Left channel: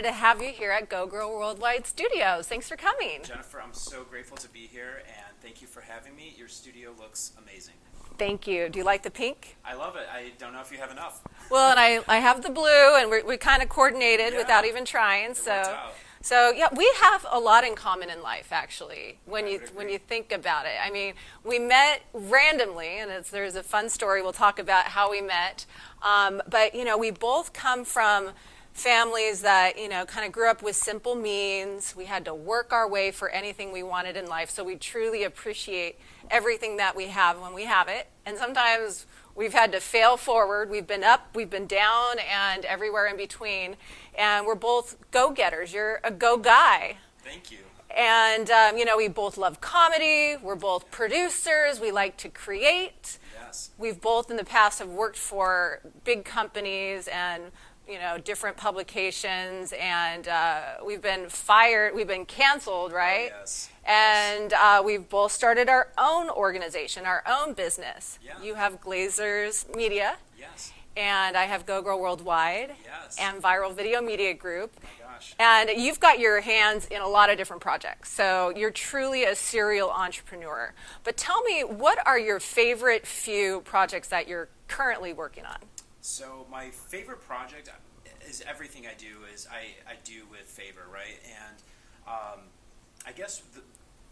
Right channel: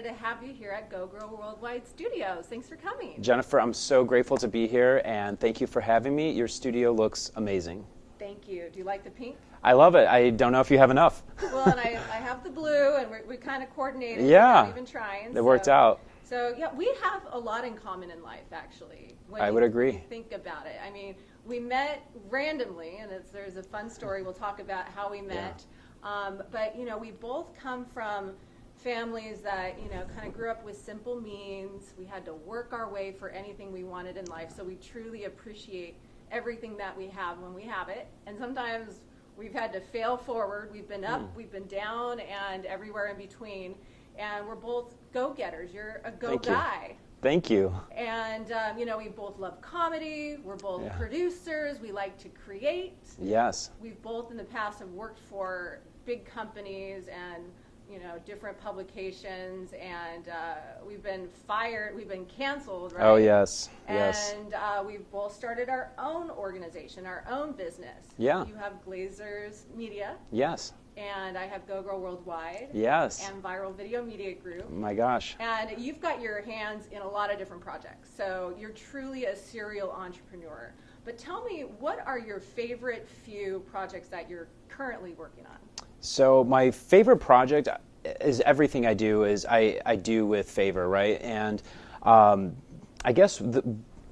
excited to have you here at GoGirl Worldwide Studios. Thanks for coming. Jennifer, I'm so grateful to be here, and thank you for having me. Your studio looks amazing. Thank you. Do you like the pink? I love it. I don't know if you have enough. Well, and I have the blue, and we kind of coordinated without even trying. It worked out. So yeah, we have a lot in common in life, actually. I would agree. When you think about it, I mean, we met randomly, and there's a fun story. We'll talk about how we met. But you know, we both come from families that kind of grew up with simple means. We had to work our way for anything we wanted in life. So we truly appreciate everything that we have when we have it. And sometimes we've had to fail forward. We've been up, we've been down, and everywhere in between. And we're both go-getters. You're a go-guy. Thank you. And, we both love comedy. We're both producers. We like to create. Yes. We've both in the past have worked for big companies and, different publications. And we've been fired. We've been canceled, right? Oh, yes. And we've both started our own organization, our own business. Yeah. You have Glazers Media. Yes. And I have GoGirl Worldwide. Yes. And Viral Video Media Group. Oh my gosh. And you've got your hands in a lot of different projects. So you're truly a serial entrepreneur. But tell me, what are your favorite few projects that you're currently working on? So my favorite project is everything I do is I do with favor, right? And I guess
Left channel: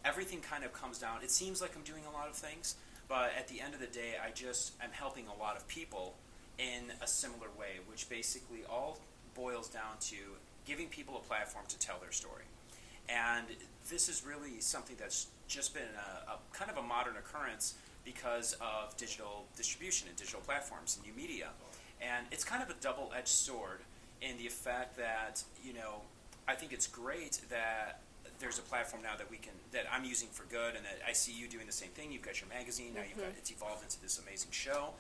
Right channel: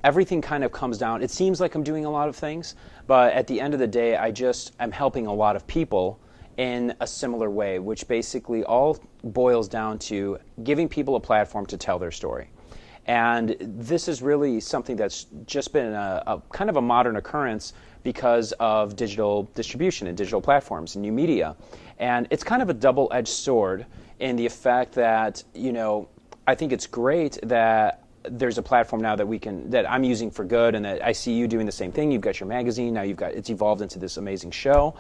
everything kind of comes down. It seems like I'm doing a lot of things, but at the end of the day, I'm helping a lot of people in a similar way, which basically all boils down to giving people a platform to tell their story. And this is really something that's just been a kind of a modern occurrence because of digital distribution and digital platforms and new media. And it's kind of a double-edged sword in the effect that, I think it's great that there's a platform now that I'm using for good, and that I see you doing the same thing. You've got your magazine, now it's evolved into this amazing show.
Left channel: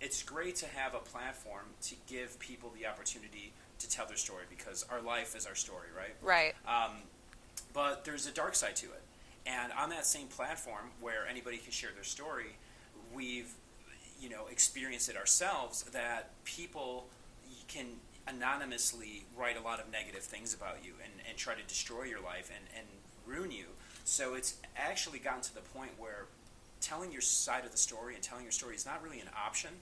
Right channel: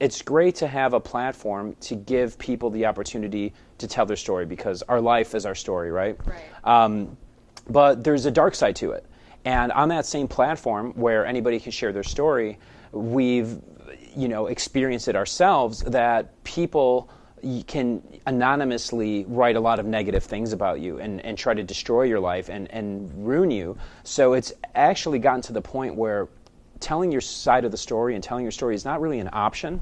It's great to have a platform to give people the opportunity to tell their story, because our life is our story, right? Right. But there's a dark side to it. And on that same platform where anybody can share their story, we've experienced it ourselves, that people can anonymously write a lot of negative things about you and try to destroy your life and ruin you. So it's actually gotten to the point where telling your side of the story and telling your story is not really an option.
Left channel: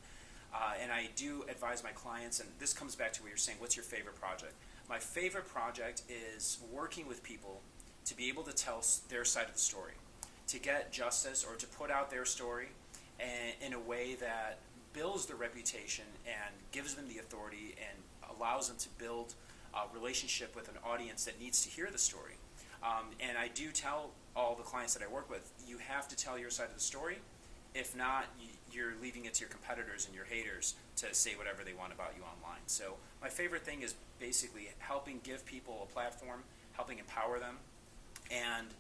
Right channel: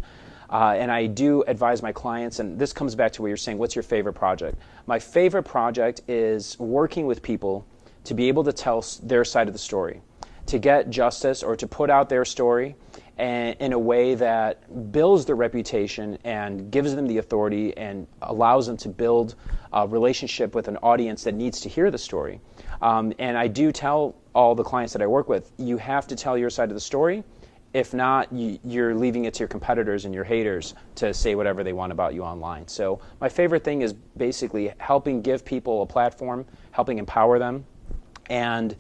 And I do advise my clients, and this comes back to what you're saying, what's your favorite project? My favorite project is working with people to be able to tell their side of the story, to get justice or to put out their story in a way that builds their reputation and gives them the authority and allows them to build a relationship with an audience that needs to hear the story. And I do tell all the clients that I work with, you have to tell your side of the story. If not, you're leaving it to your competitors and your haters to say whatever they want about you online. So my favorite thing is basically helping give people a platform, helping empower them, and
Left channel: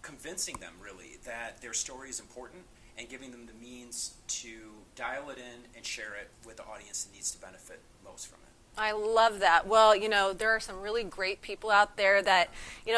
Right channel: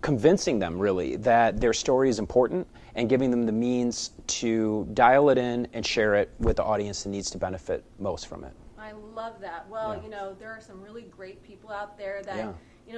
convincing them really that their story is important, and giving them the means to dial it in and share it with the audience that needs to benefit most from it. I love that. Well, there are some really great people out there that,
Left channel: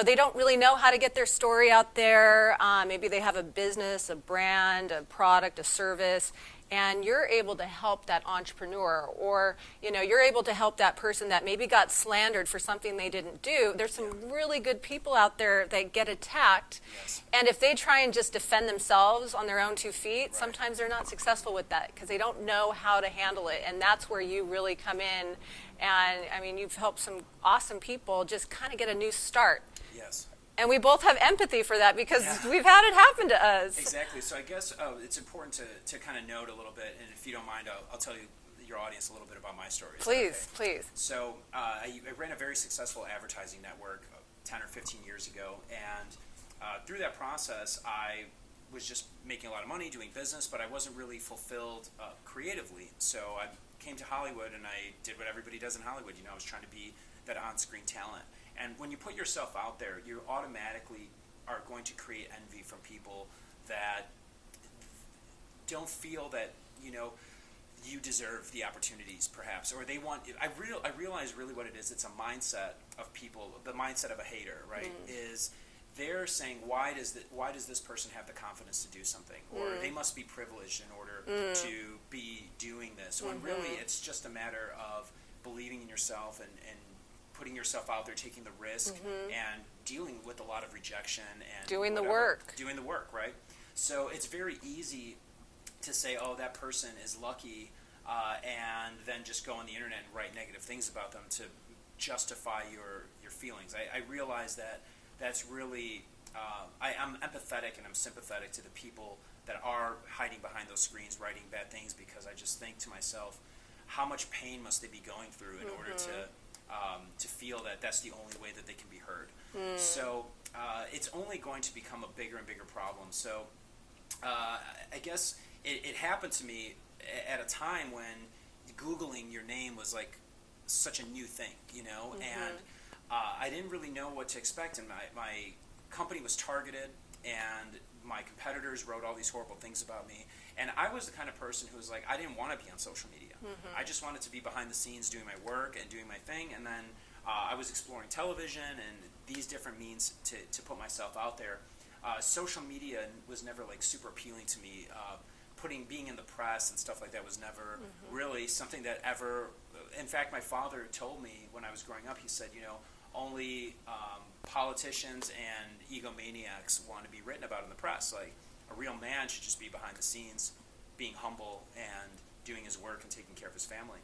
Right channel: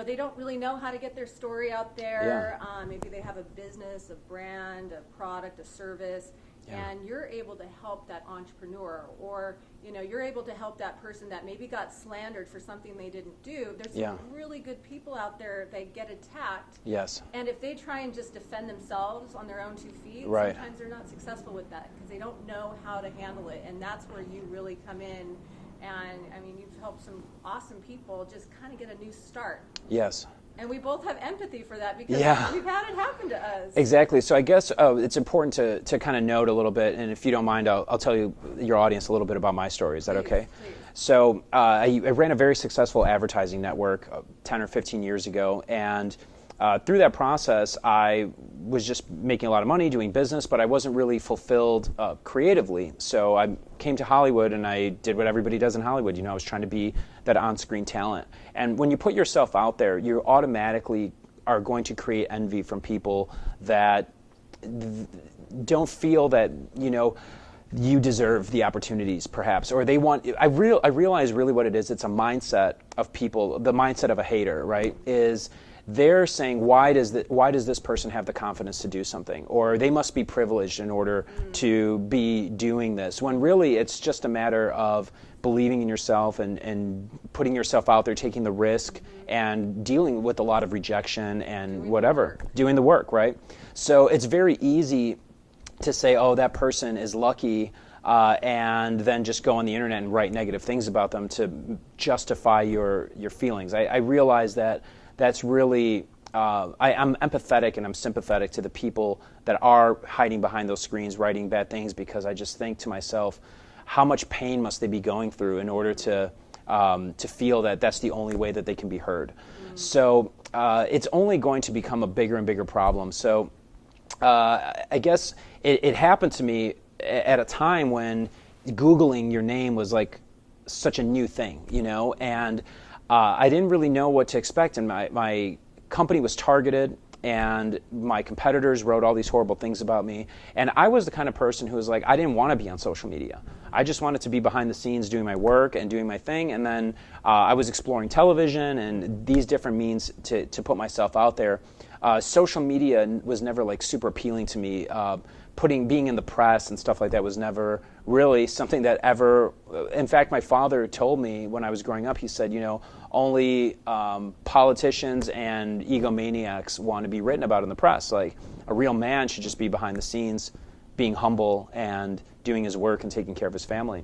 they don't really know how to get their story out there. Maybe they have a business, a brand, a product, a service, and you're able to help that entrepreneur, or, you're able to help that person that maybe got slandered for something they didn't do. There's some really good people out there that get attacked. Yes. And if they try and just defend themselves on their own 2 feet, sometimes they're not successful with that because they don't know how to handle it. And that's where you really come in. And I mean, you've helped some awesome people just kind of get a new start. Yes. And we both have empathy for that because we've had it happen to us. Exactly. So I guess it's important to kind of note a little bit, and if you don't mind, I'll tell your audience a little bit about my story. Is that okay? Please. So I ran a very successful advertising network 10 or 15 years ago, and through that process, I was just making a lot of money doing business, but I wasn't really fulfilled creatively. So I came to Hollywood, and I did what everybody does in Hollywood. I was trying to be that on-screen talent. And when you put yourself out there, you automatically are going to create envy from people that don't feel that, you deserve the opportunities, perhaps, or they want. I realize really what it is. It's a mindset of people. The mindset of a hater, right? Is they're saying, why does this person have the confidence to do something, or they must be privileged in order to be doing this? When really it's just a matter of believing in yourself and putting yourself out there, taking the risk, and dealing with a lot of rejection and doing the work, right? So it's very easy to say, oh, that person is lucky, and then just go on the internet and write negative things about them to justify your feelings. I realize that that's really, I'm empathetic and I'm sympathetic to the people that are hiding behind those screens, writing bad things, because I just think to myself, how much pain must they be going through in order to feel that that's the only way that they can be heard. So it's only going to become a bigger and bigger problem. So I guess it happened to me at a time when Googling your name was like such a new thing, you know, and I didn't really know what to expect, and my company was targeted, and my competitors wrote all these horrible things about me. And I was the kind of person who was like, I didn't want to be on social media. I just wanted to be behind the scenes doing my work and doing my thing. And then I was exploring television and these different means to put myself out there. Social media was never like super appealing to me. Being in the press and stuff like that was never really something that ever, in fact, my father told me when I was growing up, he said, you know, only politicians and egomaniacs want to be written about in the press. Like, a real man should just be behind the scenes, being humble and doing his work and taking care of his family.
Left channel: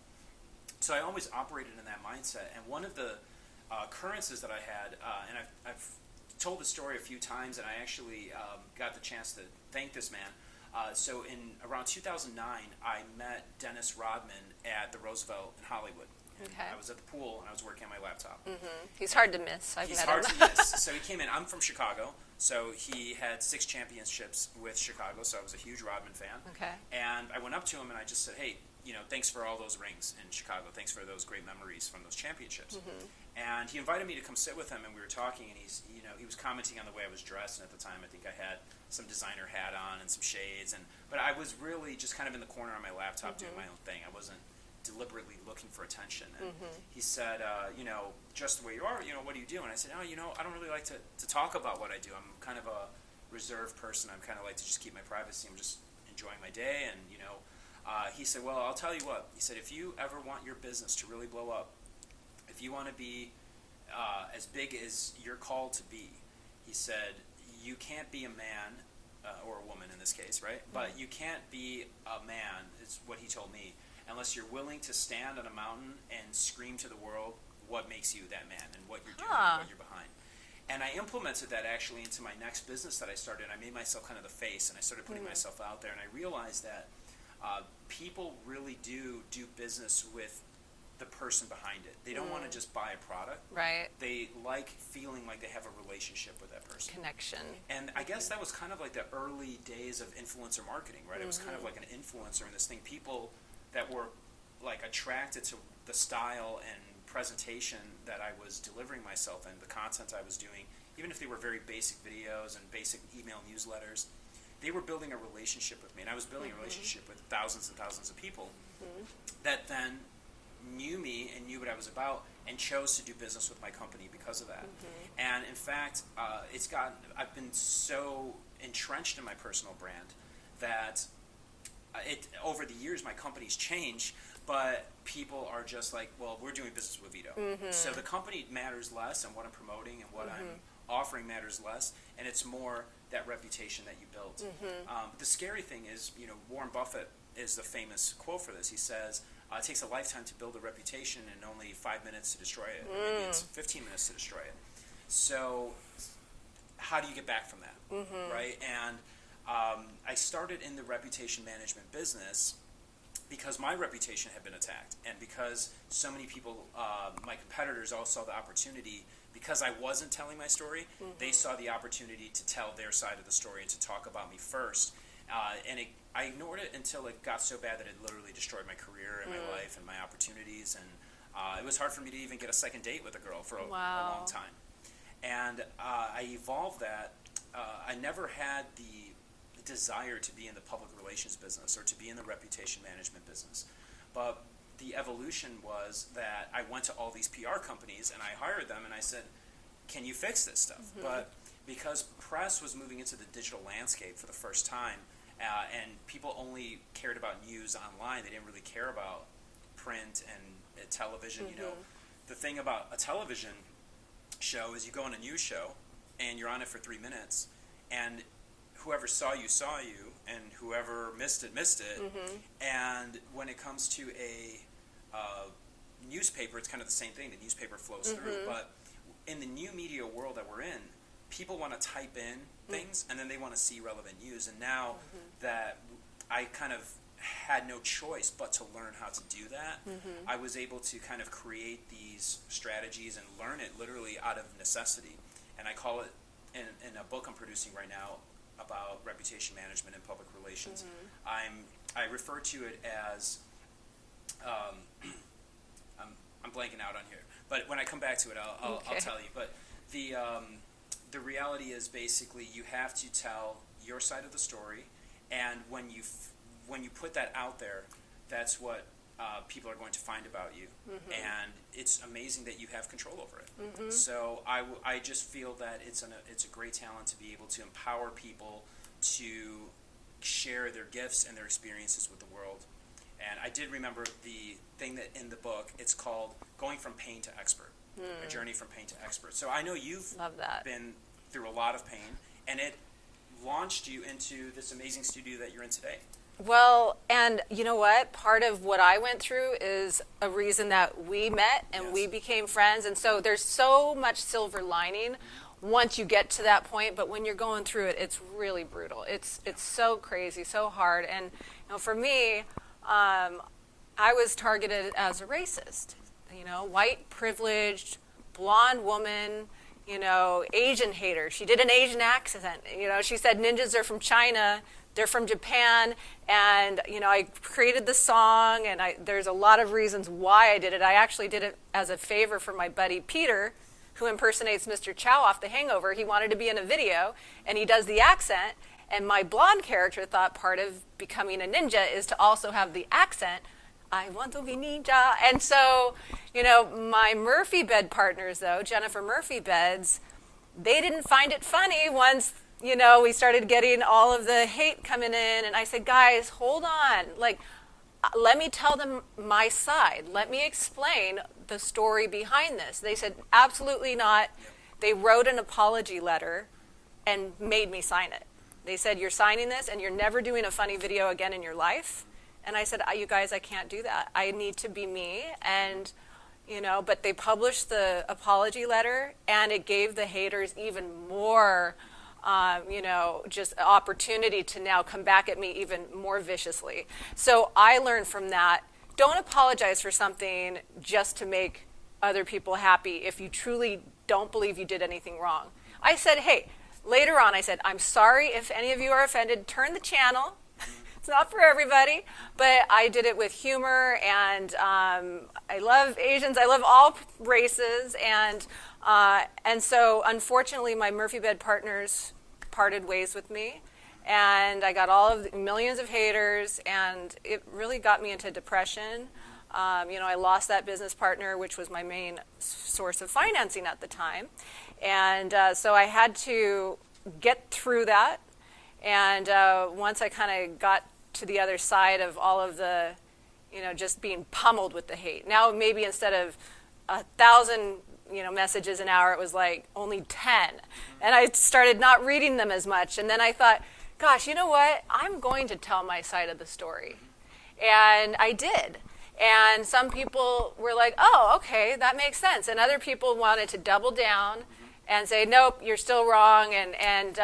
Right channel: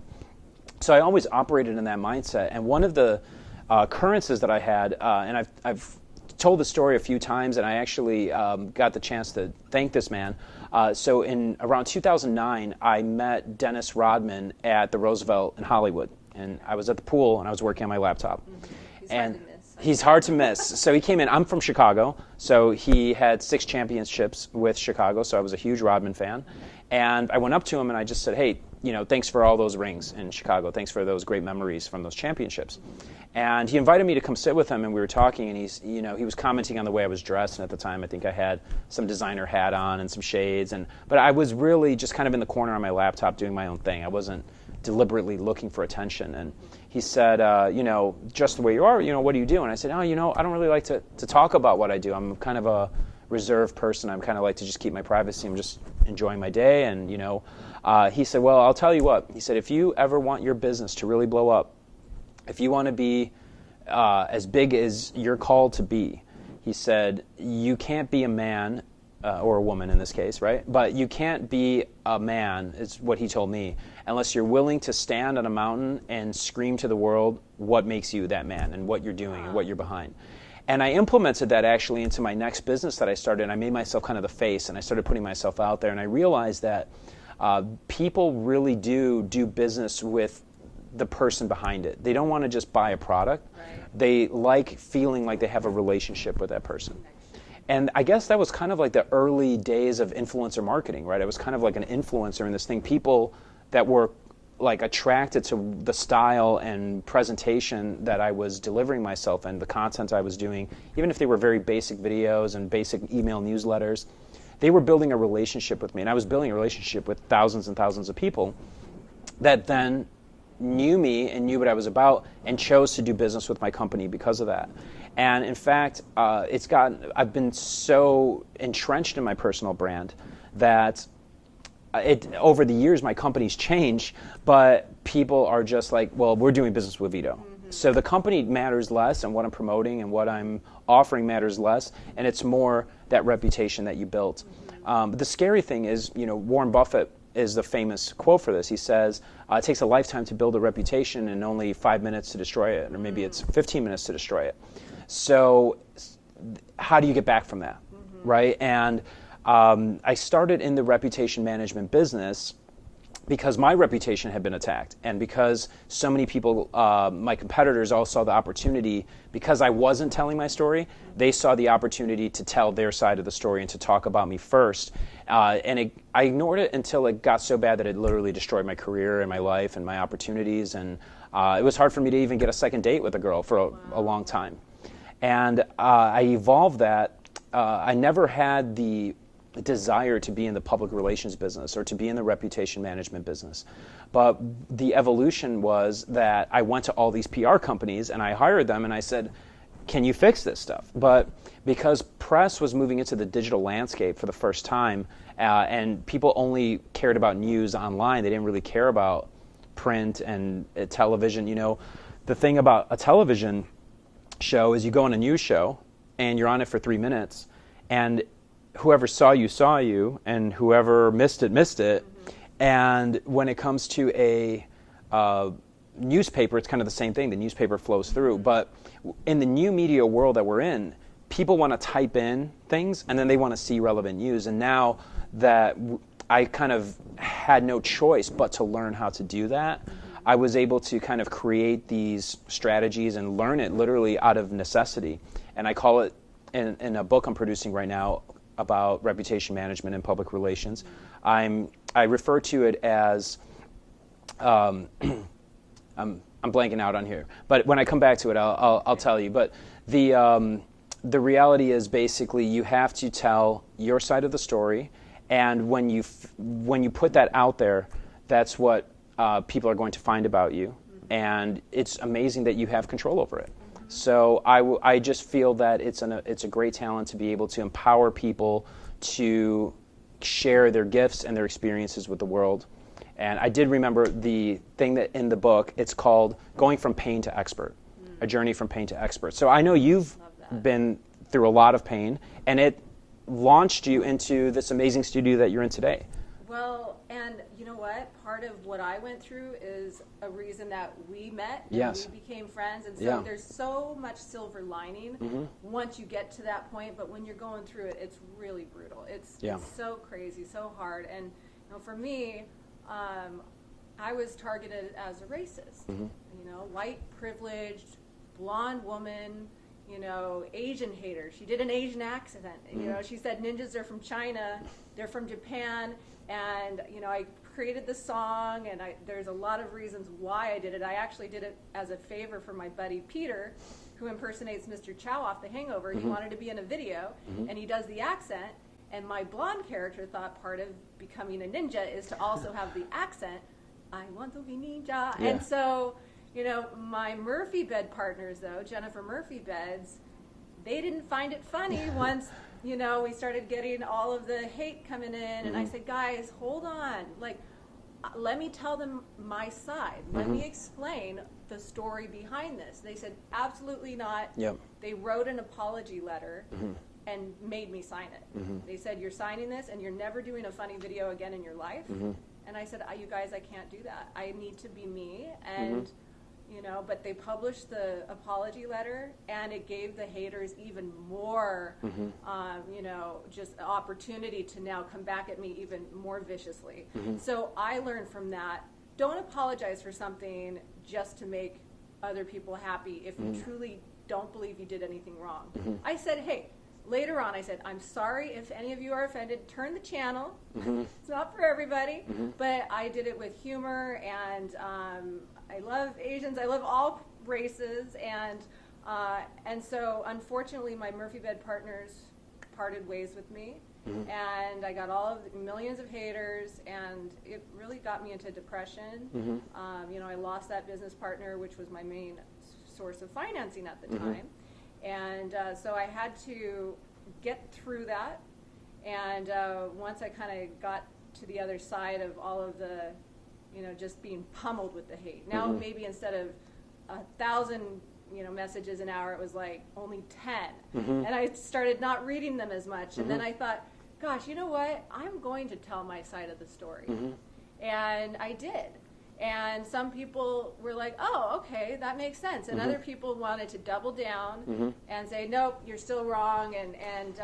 So I always operated in that mindset. And one of the occurrences that I had, and I've told the story a few times, and I actually got the chance to thank this man. So in around 2009, I met Dennis Rodman at the Roosevelt in Hollywood. And I was at the pool and I was working on my laptop. He's hard to miss. He's hard to miss. So he came in. I'm from Chicago. So he had 6 championships with Chicago. So I was a huge Rodman fan. And I went up to him and I just said, hey, you know, thanks for all those rings in Chicago. Thanks for those great memories from those championships. And he invited me to come sit with him, and we were talking, and he was commenting on the way I was dressed. And at the time, I think I had some designer hat on and some shades. But I was really just kind of in the corner on my laptop doing my own thing. I wasn't deliberately looking for attention. And he said, you know, just the way you are, you know, what do you do? And I said, oh, you know, I don't really like to talk about what I do. I'm kind of a reserved person. I'm kind of like to just keep my privacy. I'm just enjoying my day. And, you know, he said, well, I'll tell you what. He said, if you ever want your business to really blow up, if you want to be as big as you're called to be, he said, you can't be a man, or a woman in this case, right? But you can't be a man, is what he told me, unless you're willing to stand on a mountain and scream to the world what makes you that man and what you're doing and what you're behind. And I implemented that actually into my next business that I started, and I made myself kind of the face, and I started putting myself out there, and I realized that people really do business with the person behind it. They don't want to just buy a product. Right. They like feeling like they have a relationship with that person. Connection. And I guess that was kind of like the early days of influencer marketing, right? I was kind of like an influencer in this thing. People that were like attracted to the style and presentation that I was delivering myself and the content I was doing, even if they were very basic videos and basic email newsletters, they were building a relationship with me. And I was building a relationship with thousands and thousands of people that then knew me and knew what I was about and chose to do business with my company because of that. And in fact, I've been so entrenched in my personal brand that over the years my company's changed, but people are just like, well, we're doing business with Vito. So the company matters less, and what I'm promoting and what I'm offering matters less, and it's more that reputation that you built. But the scary thing is, you know, Warren Buffett is the famous quote for this. He says, it takes a lifetime to build a reputation and only 5 minutes to destroy it, or maybe it's 15 minutes to destroy it. So how do you get back from that, right? And I started in the reputation management business because my reputation had been attacked, and because so many people, my competitors, all saw the opportunity. Because I wasn't telling my story, they saw the opportunity to tell their side of the story and to talk about me first. I ignored it until it got so bad that it literally destroyed my career and my life and my opportunities. And it was hard for me to even get a second date with a girl for a long time. And I evolved that. I never had the desire to be in the public relations business or to be in the reputation management business. But the evolution was that I went to all these PR companies and I hired them and I said, can you fix this stuff? But because press was moving into the digital landscape for the first time, and people only cared about news online, they didn't really care about print and television. You know, the thing about a television show is you go on a news show and you're on it for 3 minutes, and whoever saw you, and whoever missed it. And when it comes to a newspaper, it's kind of the same thing. The newspaper flows through. But in the new media world that we're in, people want to type in things and then they want to see relevant news. And now that I kind of had no choice but to learn how to do that, I was able to kind of create these strategies and learn it literally out of necessity. And I call it, in a book I'm producing right now about reputation management and public relations, I refer to it as, I'm blanking out on here, but when I come back to it, I'll tell you. But the reality is basically you have to tell your side of the story, and when you put that out there, that's what people are going to find about you, and it's amazing that you have control over it. So I just feel that it's a great talent to be able to empower people to share their gifts and their experiences with the world. And I did remember the thing that in the book, it's called Going from Pain to Expert, a journey from pain to expert. So I know you've been through a lot of pain, and it launched you into this amazing studio that you're in today. Well, and you know what? Part of what I went through is a reason that we met and we became friends. And so there's so much silver lining once you get to that point. But when you're going through it, it's really brutal. It's so crazy, so hard. And you know, for me, I was targeted as a racist. You know, white privileged, blonde woman. You know, Asian hater. She did an Asian accent. You know, she said ninjas are from China, they're from Japan, and you know, I created the song, and there's a lot of reasons why I did it. I actually did it as a favor for my buddy Peter, who impersonates Mr. Chow off The Hangover. He wanted to be in a video, and he does the accent, and my blonde character thought part of becoming a ninja is to also have the accent. I want to be ninja. And so, you know, my Murphy bed partners, though, Jennifer Murphy beds, they didn't find it funny once, you know, we started getting all of the hate coming in. And I said, guys, hold on. Like, let me tell them my side. Let me explain the story behind this. They said, absolutely not. They wrote an apology letter and made me sign it. They said, you're signing this and you're never doing a funny video again in your life. And I said, you guys, I can't do that. I need to be me. And, you know, but they published the apology letter, and it gave the haters even more, you know, just opportunity to now come back at me even more viciously. So I learned from that, don't apologize for something just to make other people happy if you truly don't believe you did anything wrong. I said, hey, later on, I said, I'm sorry if any of you are offended. Turn the channel. It's not for everybody. But I did it with humor, and I love Asians. I love all races. And so, unfortunately, my Murphy bed partners parted ways with me. And I got all of the millions of haters, and it really got me into depression. You know, I lost that business partner, which was my main source of financing at the time. And so I had to get through that. And once I kind of got to the other side of all of the, you know, just being pummeled with the hate. Now maybe instead of 1,000, you know, messages an hour, it was like only 10. And I started not reading them as much. And then I thought, gosh, you know what? I'm going to tell my side of the story. And I did. And some people were like, oh, okay, that makes sense. And other people wanted to double down and say, nope, you're still wrong. And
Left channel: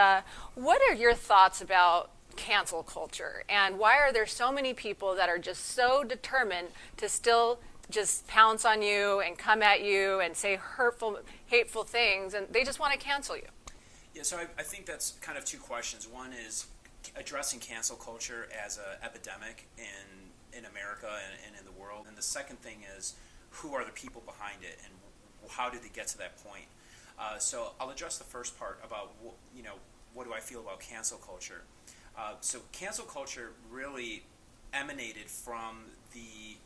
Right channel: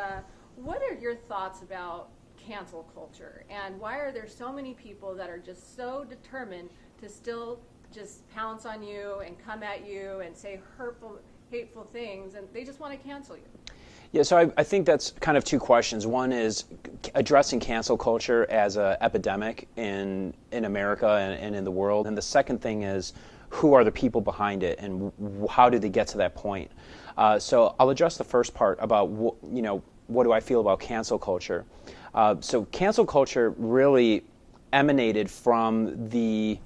what are your thoughts about cancel culture? And why are there so many people that are just so determined to still just pounce on you and come at you and say hurtful, hateful things, and they just want to cancel you? Yeah, so I think that's kind of two questions. One is addressing cancel culture as an epidemic in America and in the world. And the second thing is, who are the people behind it, and how did they get to that point? So I'll address the first part about, you know, what do I feel about cancel culture? So cancel culture really emanated from the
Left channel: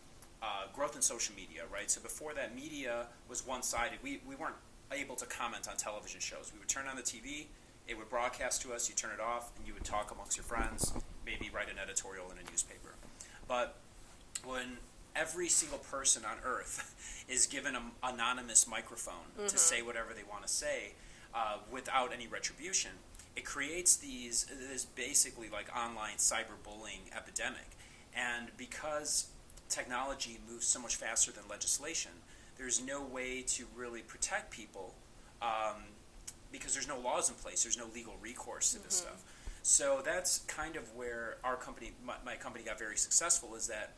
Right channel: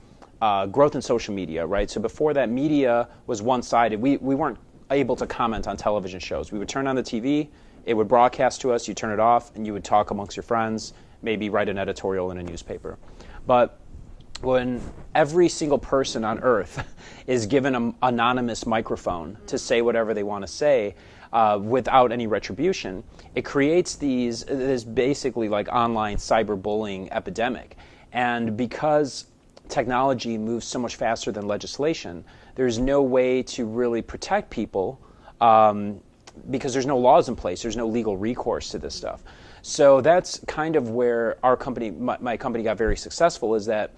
growth in social media, right? So before that, media was one-sided. We weren't able to comment on television shows. We would turn on the TV, it would broadcast to us, you turn it off, and you would talk amongst your friends, maybe write an editorial in a newspaper. But when every single person on earth is given an anonymous microphone to say whatever they want to say without any retribution, it creates this basically like online cyberbullying epidemic. And because technology moves so much faster than legislation, there's no way to really protect people because there's no laws in place. There's no legal recourse to this stuff. So that's kind of where our company, my company, got very successful, is that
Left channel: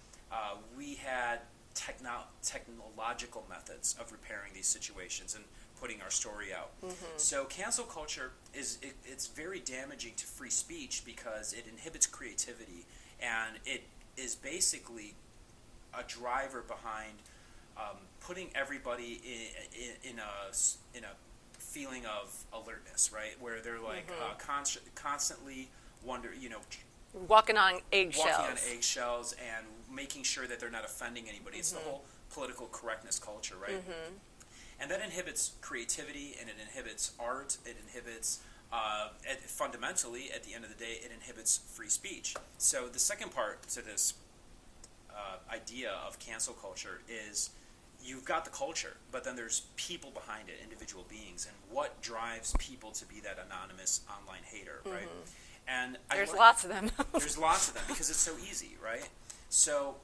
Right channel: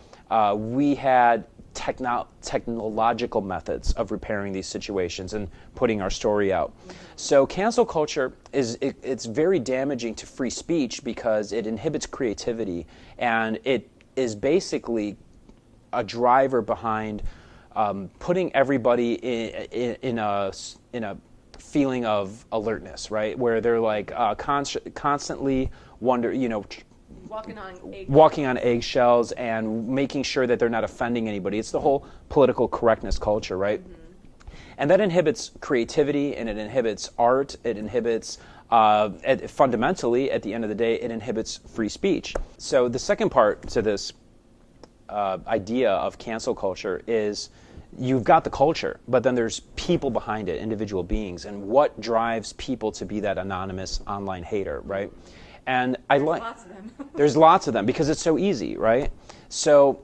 we had technological methods of repairing these situations and putting our story out. So cancel culture it's very damaging to free speech because it inhibits creativity, and it is basically a driver behind putting everybody in a feeling of alertness, right? Where they're like constantly walking on eggshells and making sure that they're not offending anybody. It's the whole political correctness culture, right? And that inhibits creativity, and it inhibits art. It inhibits, fundamentally, at the end of the day, it inhibits free speech. So the second part to this idea of cancel culture is you've got the culture, but then there's people behind it, individual beings, and what drives people to be that anonymous online hater, right? And there's lots of them. There's lots of them because it's so easy, right? So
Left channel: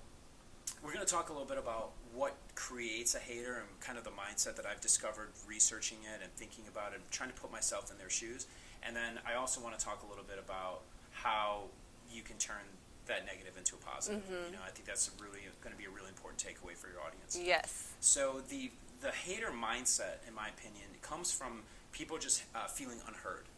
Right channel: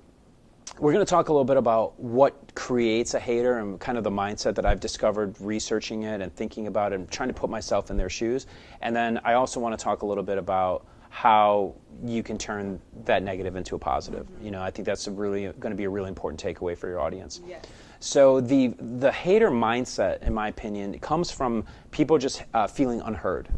we're going to talk a little bit about what creates a hater and kind of the mindset that I've discovered researching it and thinking about it and trying to put myself in their shoes. And then I also want to talk a little bit about how you can turn that negative into a positive. I think that's going to be a really important takeaway for your audience. Yes. So the hater mindset, in my opinion, comes from people just feeling unheard.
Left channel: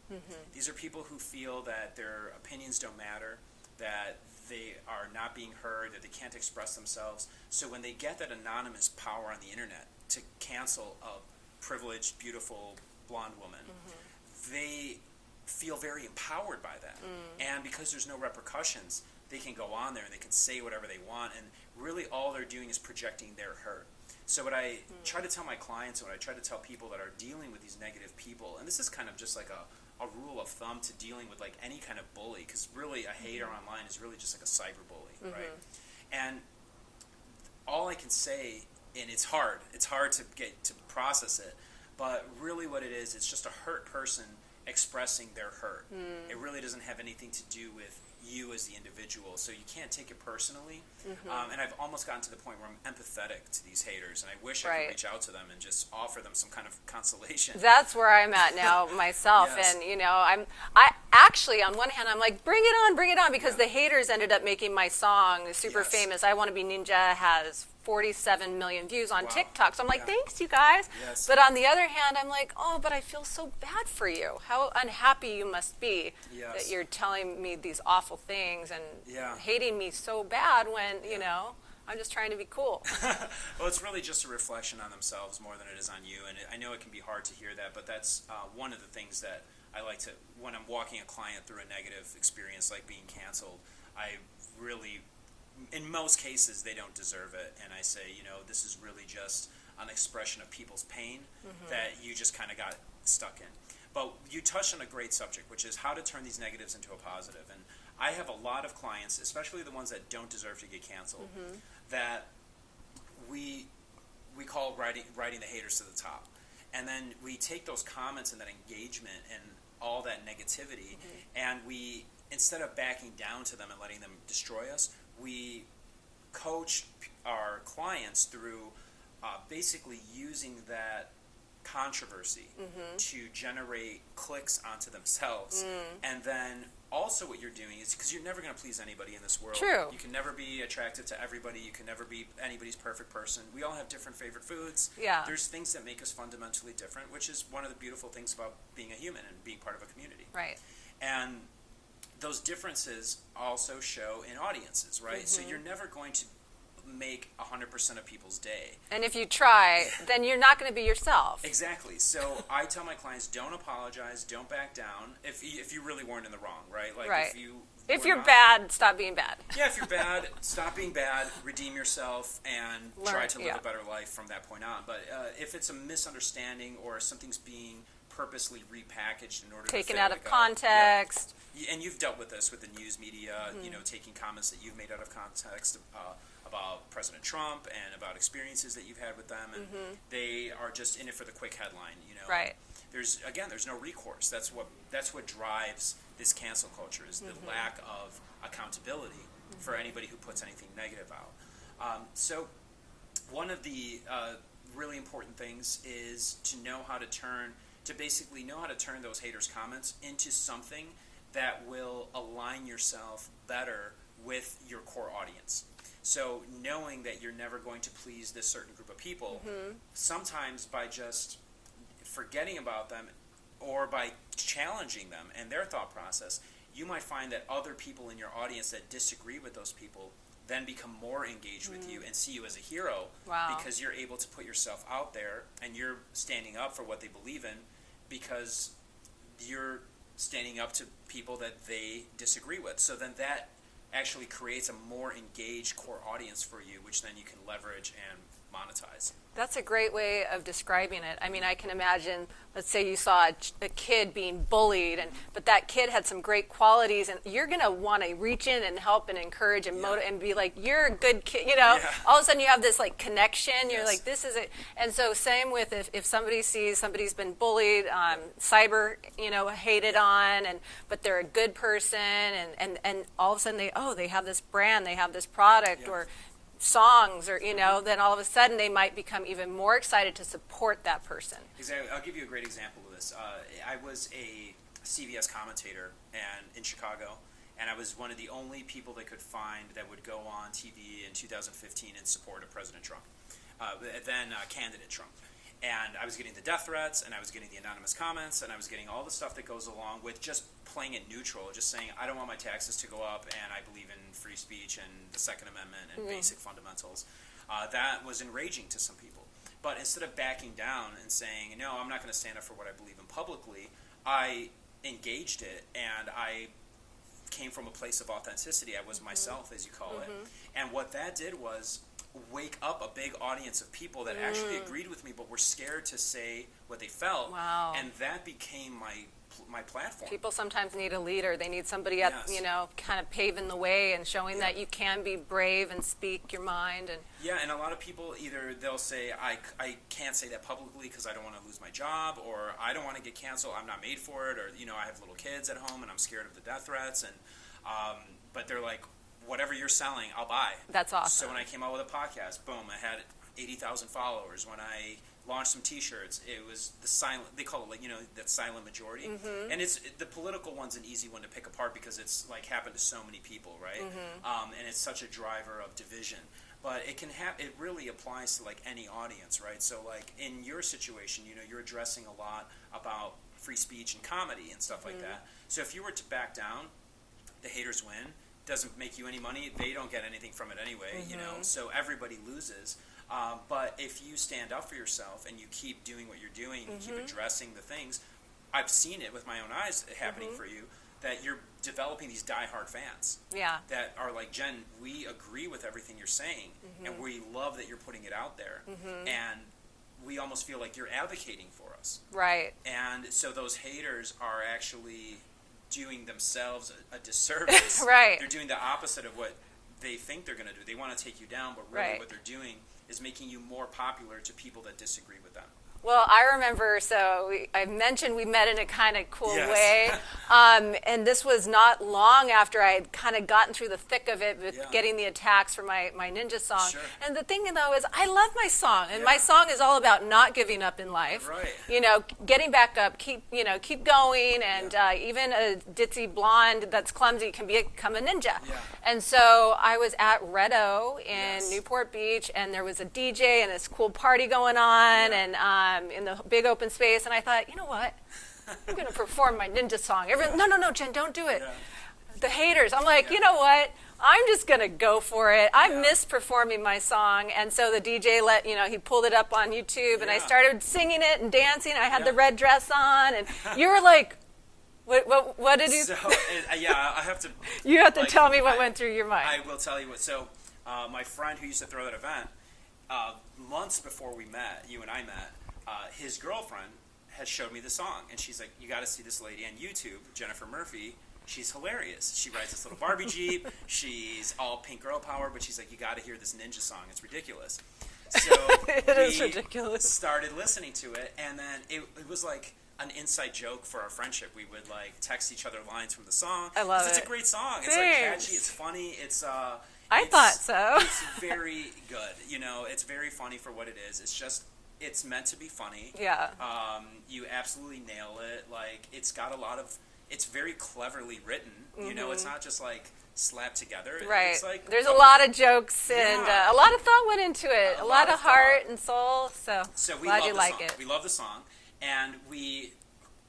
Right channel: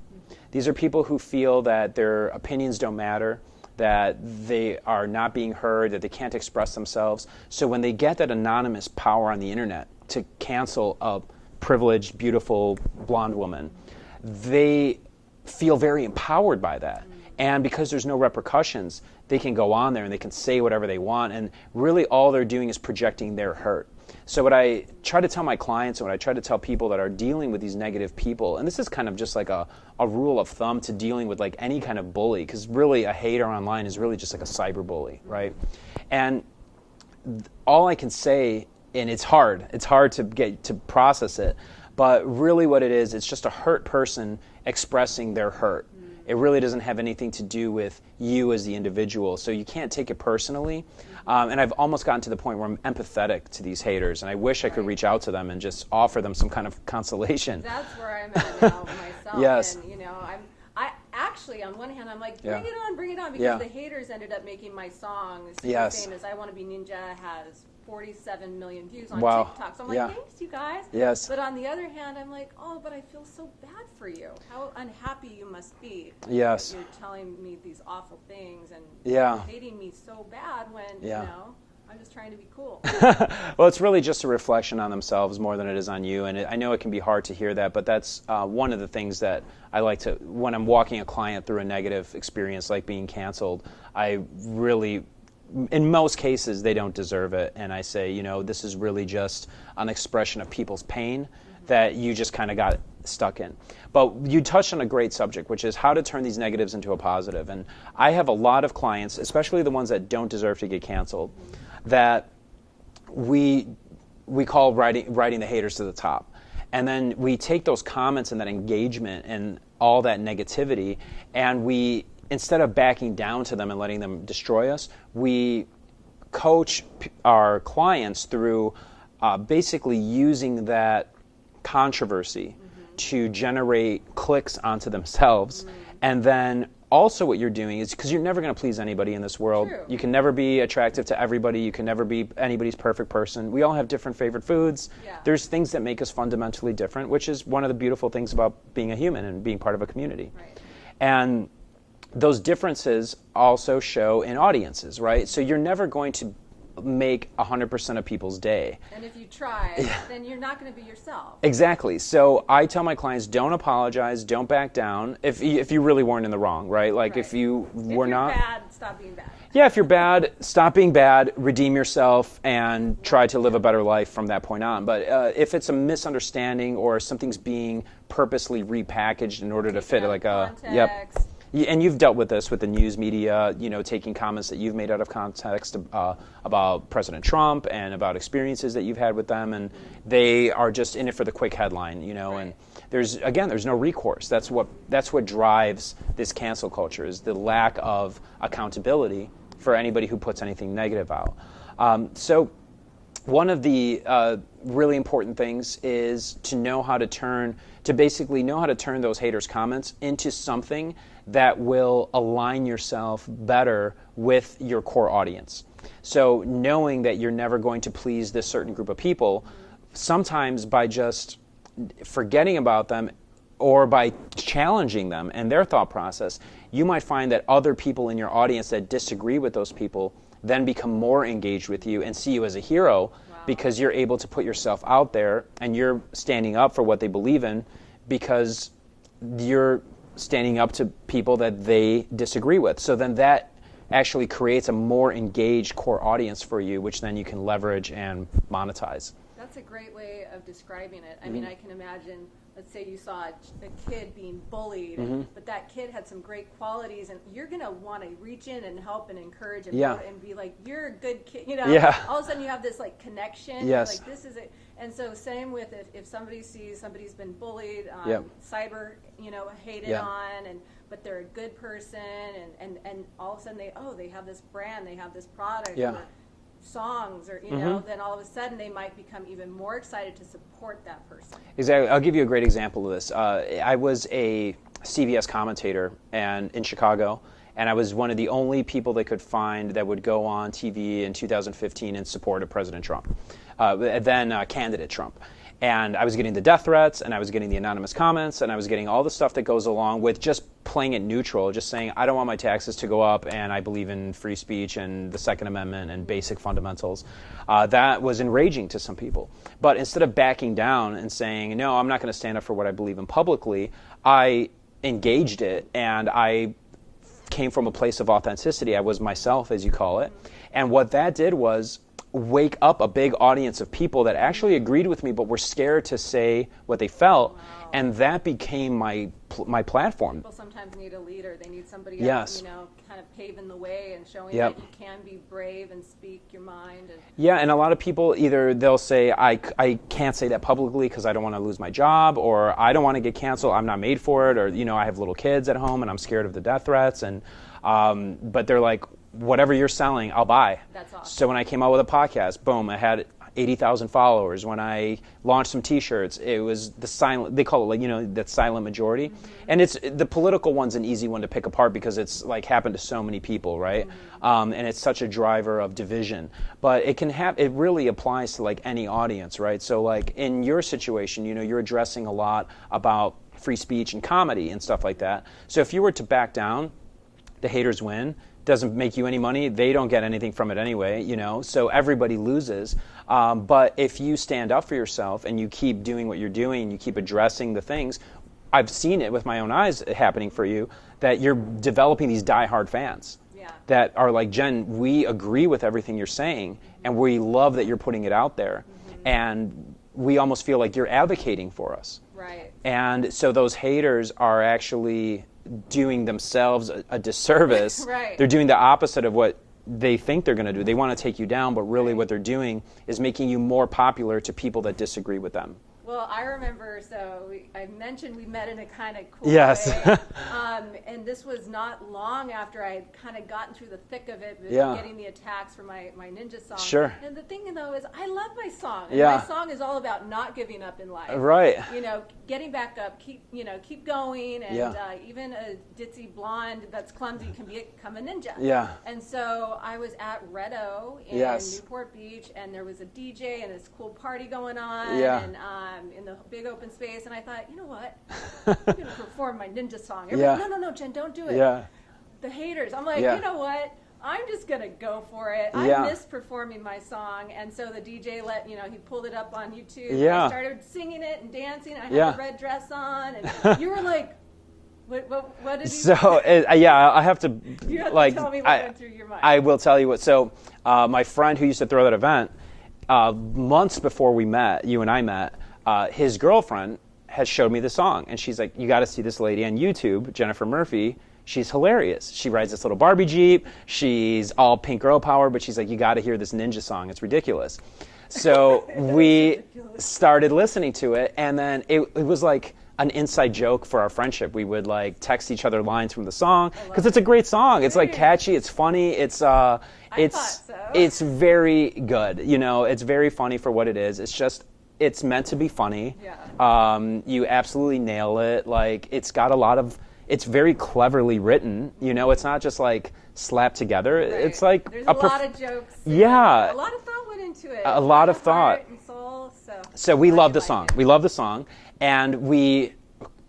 These are people who feel that their opinions don't matter, that they are not being heard, that they can't express themselves. So when they get that anonymous power on the internet to cancel a privileged, beautiful, blonde woman, they feel very empowered by that. And because there's no repercussions, they can go on there and they can say whatever they want, and really all they're doing is projecting their hurt. So what I try to tell my clients and what I try to tell people that are dealing with these negative people, and this is kind of just like a rule of thumb to dealing with like any kind of bully, because really a hater online is really just like a cyberbully, right? And all I can say, and it's hard to get to process it, but really what it is, it's just a hurt person expressing their hurt. It really doesn't have anything to do with you as the individual, so you can't take it personally. And I've almost gotten to the point where I'm empathetic to these haters, and I wish I could reach out to them and just offer them some kind of consolation. That's where I'm at now myself. Yes. And I actually, on one hand, I'm like, bring it on, because the haters ended up making my song super famous. I Want to Be Ninja has 47 million views on TikTok. So I'm like, thanks, you guys. Yes. But on the other hand, I'm like, oh, but I feel so bad for you. How unhappy you must be that you're telling me these awful things and hating me so bad when, I'm just trying to be cool. Well, it's really just a reflection on themselves more than it is on you. And I know it can be hard to hear that, but that's one of the things that I like to, when I'm walking a client through a negative experience like being canceled, I really, in most cases, they don't deserve it. And I say, this is really just an expression of people's pain that you just kind of got stuck in. But you touched on a great subject, which is how to turn these negatives into a positive. And I have a lot of clients, especially the ones that don't deserve to get canceled, that we call writing the haters to the top. And then we take those comments and that engagement and all that negativity, and we, instead of backing down to them and letting them destroy us, we coach our clients through basically using that controversy to generate clicks onto themselves. And then also what you're doing is, because you're never going to please anybody in this world. True. You can never be attractive to everybody. You can never be anybody's perfect person. We all have different favorite foods. Yeah. There's things that make us fundamentally different, which is one of the beautiful things about being a human and being part of a community. Right. And those differences also show in audiences, right? So you're never going to make 100% of people's day. And if you try, then you're not going to be yourself. Exactly. So I tell my clients, don't apologize, don't back down. If you really weren't in the wrong, right? Like if you're bad, stop being bad. Yeah, if you're bad, stop being bad, redeem yourself, and try to live a better life from that point on. But if it's a misunderstanding or something's being purposely repackaged in order to fit out like of a context. And you've dealt with this with the news media, taking comments that you've made out of context about President Trump and about experiences that you've had with them, and they are just in it for the quick headline, Right. And there's no recourse. That's what drives this cancel culture, is the lack of accountability for anybody who puts anything negative out. So one of the really important things is to basically know how to turn those haters' comments into something that will align yourself better with your core audience. So knowing that you're never going to please this certain group of people, sometimes by just forgetting about them or by challenging them and their thought process, you might find that other people in your audience that disagree with those people then become more engaged with you and see you as a hero. Wow. Because you're able to put yourself out there and you're standing up for what they believe in, because you're standing up to people that they disagree with. So then that actually creates a more engaged core audience for you, which then you can leverage and monetize. That's a great way of describing it. I mean, I can imagine, let's say you saw a kid being bullied, but that kid had some great qualities, and you're going to want to reach in and help and encourage and and be like, you're a good kid, All of a sudden you have this like connection. Yes. You're like, this is it. And so same with if somebody sees somebody's been bullied, cyber, hated on, but they're a good person, and all of a sudden they have this brand, they have this product, or songs, or then all of a sudden they might become even more excited to support that person. Exactly. I'll give you a great example of this. I was a CBS commentator in Chicago, and I was one of the only people they could find that would go on TV in 2015 in support of President Trump, then candidate Trump. And I was getting the death threats, and I was getting the anonymous comments, and I was getting all the stuff that goes along with just playing it neutral, just saying, I don't want my taxes to go up, and I believe in free speech and the Second Amendment and basic fundamentals. That was enraging to some people. But instead of backing down and saying, no, I'm not going to stand up for what I believe in publicly, I engaged it, and I came from a place of authenticity. I was myself, as you call it. And what that did was wake up a big audience of people that actually agreed with me but were scared to say what they felt. Wow. And that became my platform. People sometimes need a leader. They need somebody else, kind of paving the way and showing that you can be brave and speak your mind. And a lot of people, either they'll say, I can't say that publicly because I don't want to lose my job, or I don't want to get canceled, I'm not made for it, or I have little kids at home and I'm scared of the death threats, and but they're like, whatever you're selling, I'll buy. That's awesome. So when I came out with a podcast, boom, I had 80,000 followers. When I launched some T-shirts, it was the silent, they call it that silent majority. And it's the political one's an easy one to pick apart because it's like happened to so many people, right? And it's such a driver of division. But it really applies to like any audience, right? So like in your situation, you're addressing a lot about free speech and comedy and stuff like that. So if you were to back down, the haters win. Doesn't make you any money. They don't get anything from it anyway, so everybody loses. But if you stand up for yourself and you keep doing what you're doing, and you keep addressing the things, I've seen it with my own eyes happening for you, that you're developing these diehard fans that are like, Jen, we agree with everything you're saying, and we love that you're putting it out there. And we almost feel like you're advocating for us. Right. And so those haters are actually doing themselves a disservice. Right. They're doing the opposite of what they think they're going to do. They want to take you down, but really what they're doing is making you more popular to people that disagree with them. Well, I remember, I mentioned we met in a kind of cool Yes. way. And this was not long after I had kind of gotten through the thick of it with getting the attacks for my ninja song. Sure. And the thing, though, is I love my song. And Yeah. my song is all about not giving up in life. Right. Getting back up, keep going. And even a ditzy blonde that's clumsy can become a ninja. Yeah. And so I was at Red O in Yes. Newport Beach, and there was a DJ and this cool party going on. Yeah. And in the big open space, and I thought, you know what? I'm going to perform my ninja song. Yeah. No, Jen, don't do it. Yeah. The haters. I'm like, Yeah. you know what? I'm just going to go for it. I Yeah. miss performing my song. And so the DJ he pulled it up on YouTube, and Yeah. I started singing it and dancing. I had Yeah. the red dress on, and you were like, what did you So, I have to... You have to tell me what went through your mind. I will tell you what. So, my friend who used to throw that event, months before you and I met, his girlfriend had showed me the song, and she's like, you got to see this lady on YouTube, Jennifer Murphy. she's hilarious. She rides this little Barbie Jeep. She's all pink girl power, but she's like, you got to hear this ninja song. It's ridiculous. So we started listening to it, and then it was like an inside joke for our friendship. We would like text each other lines from the song because it's a great song. It's like catchy. It's funny. I thought so. It's very good. You know, it's very funny for what it is. It's meant to be funny. Yeah. You absolutely nail it. Like, it's got a lot of. It's very cleverly written. You know, it's not just like slapped together. Right. It's like there's a lot of jokes. And, yeah. A lot of thought went into it. A lot of heart thought and soul. So we love the song. We love the song, and we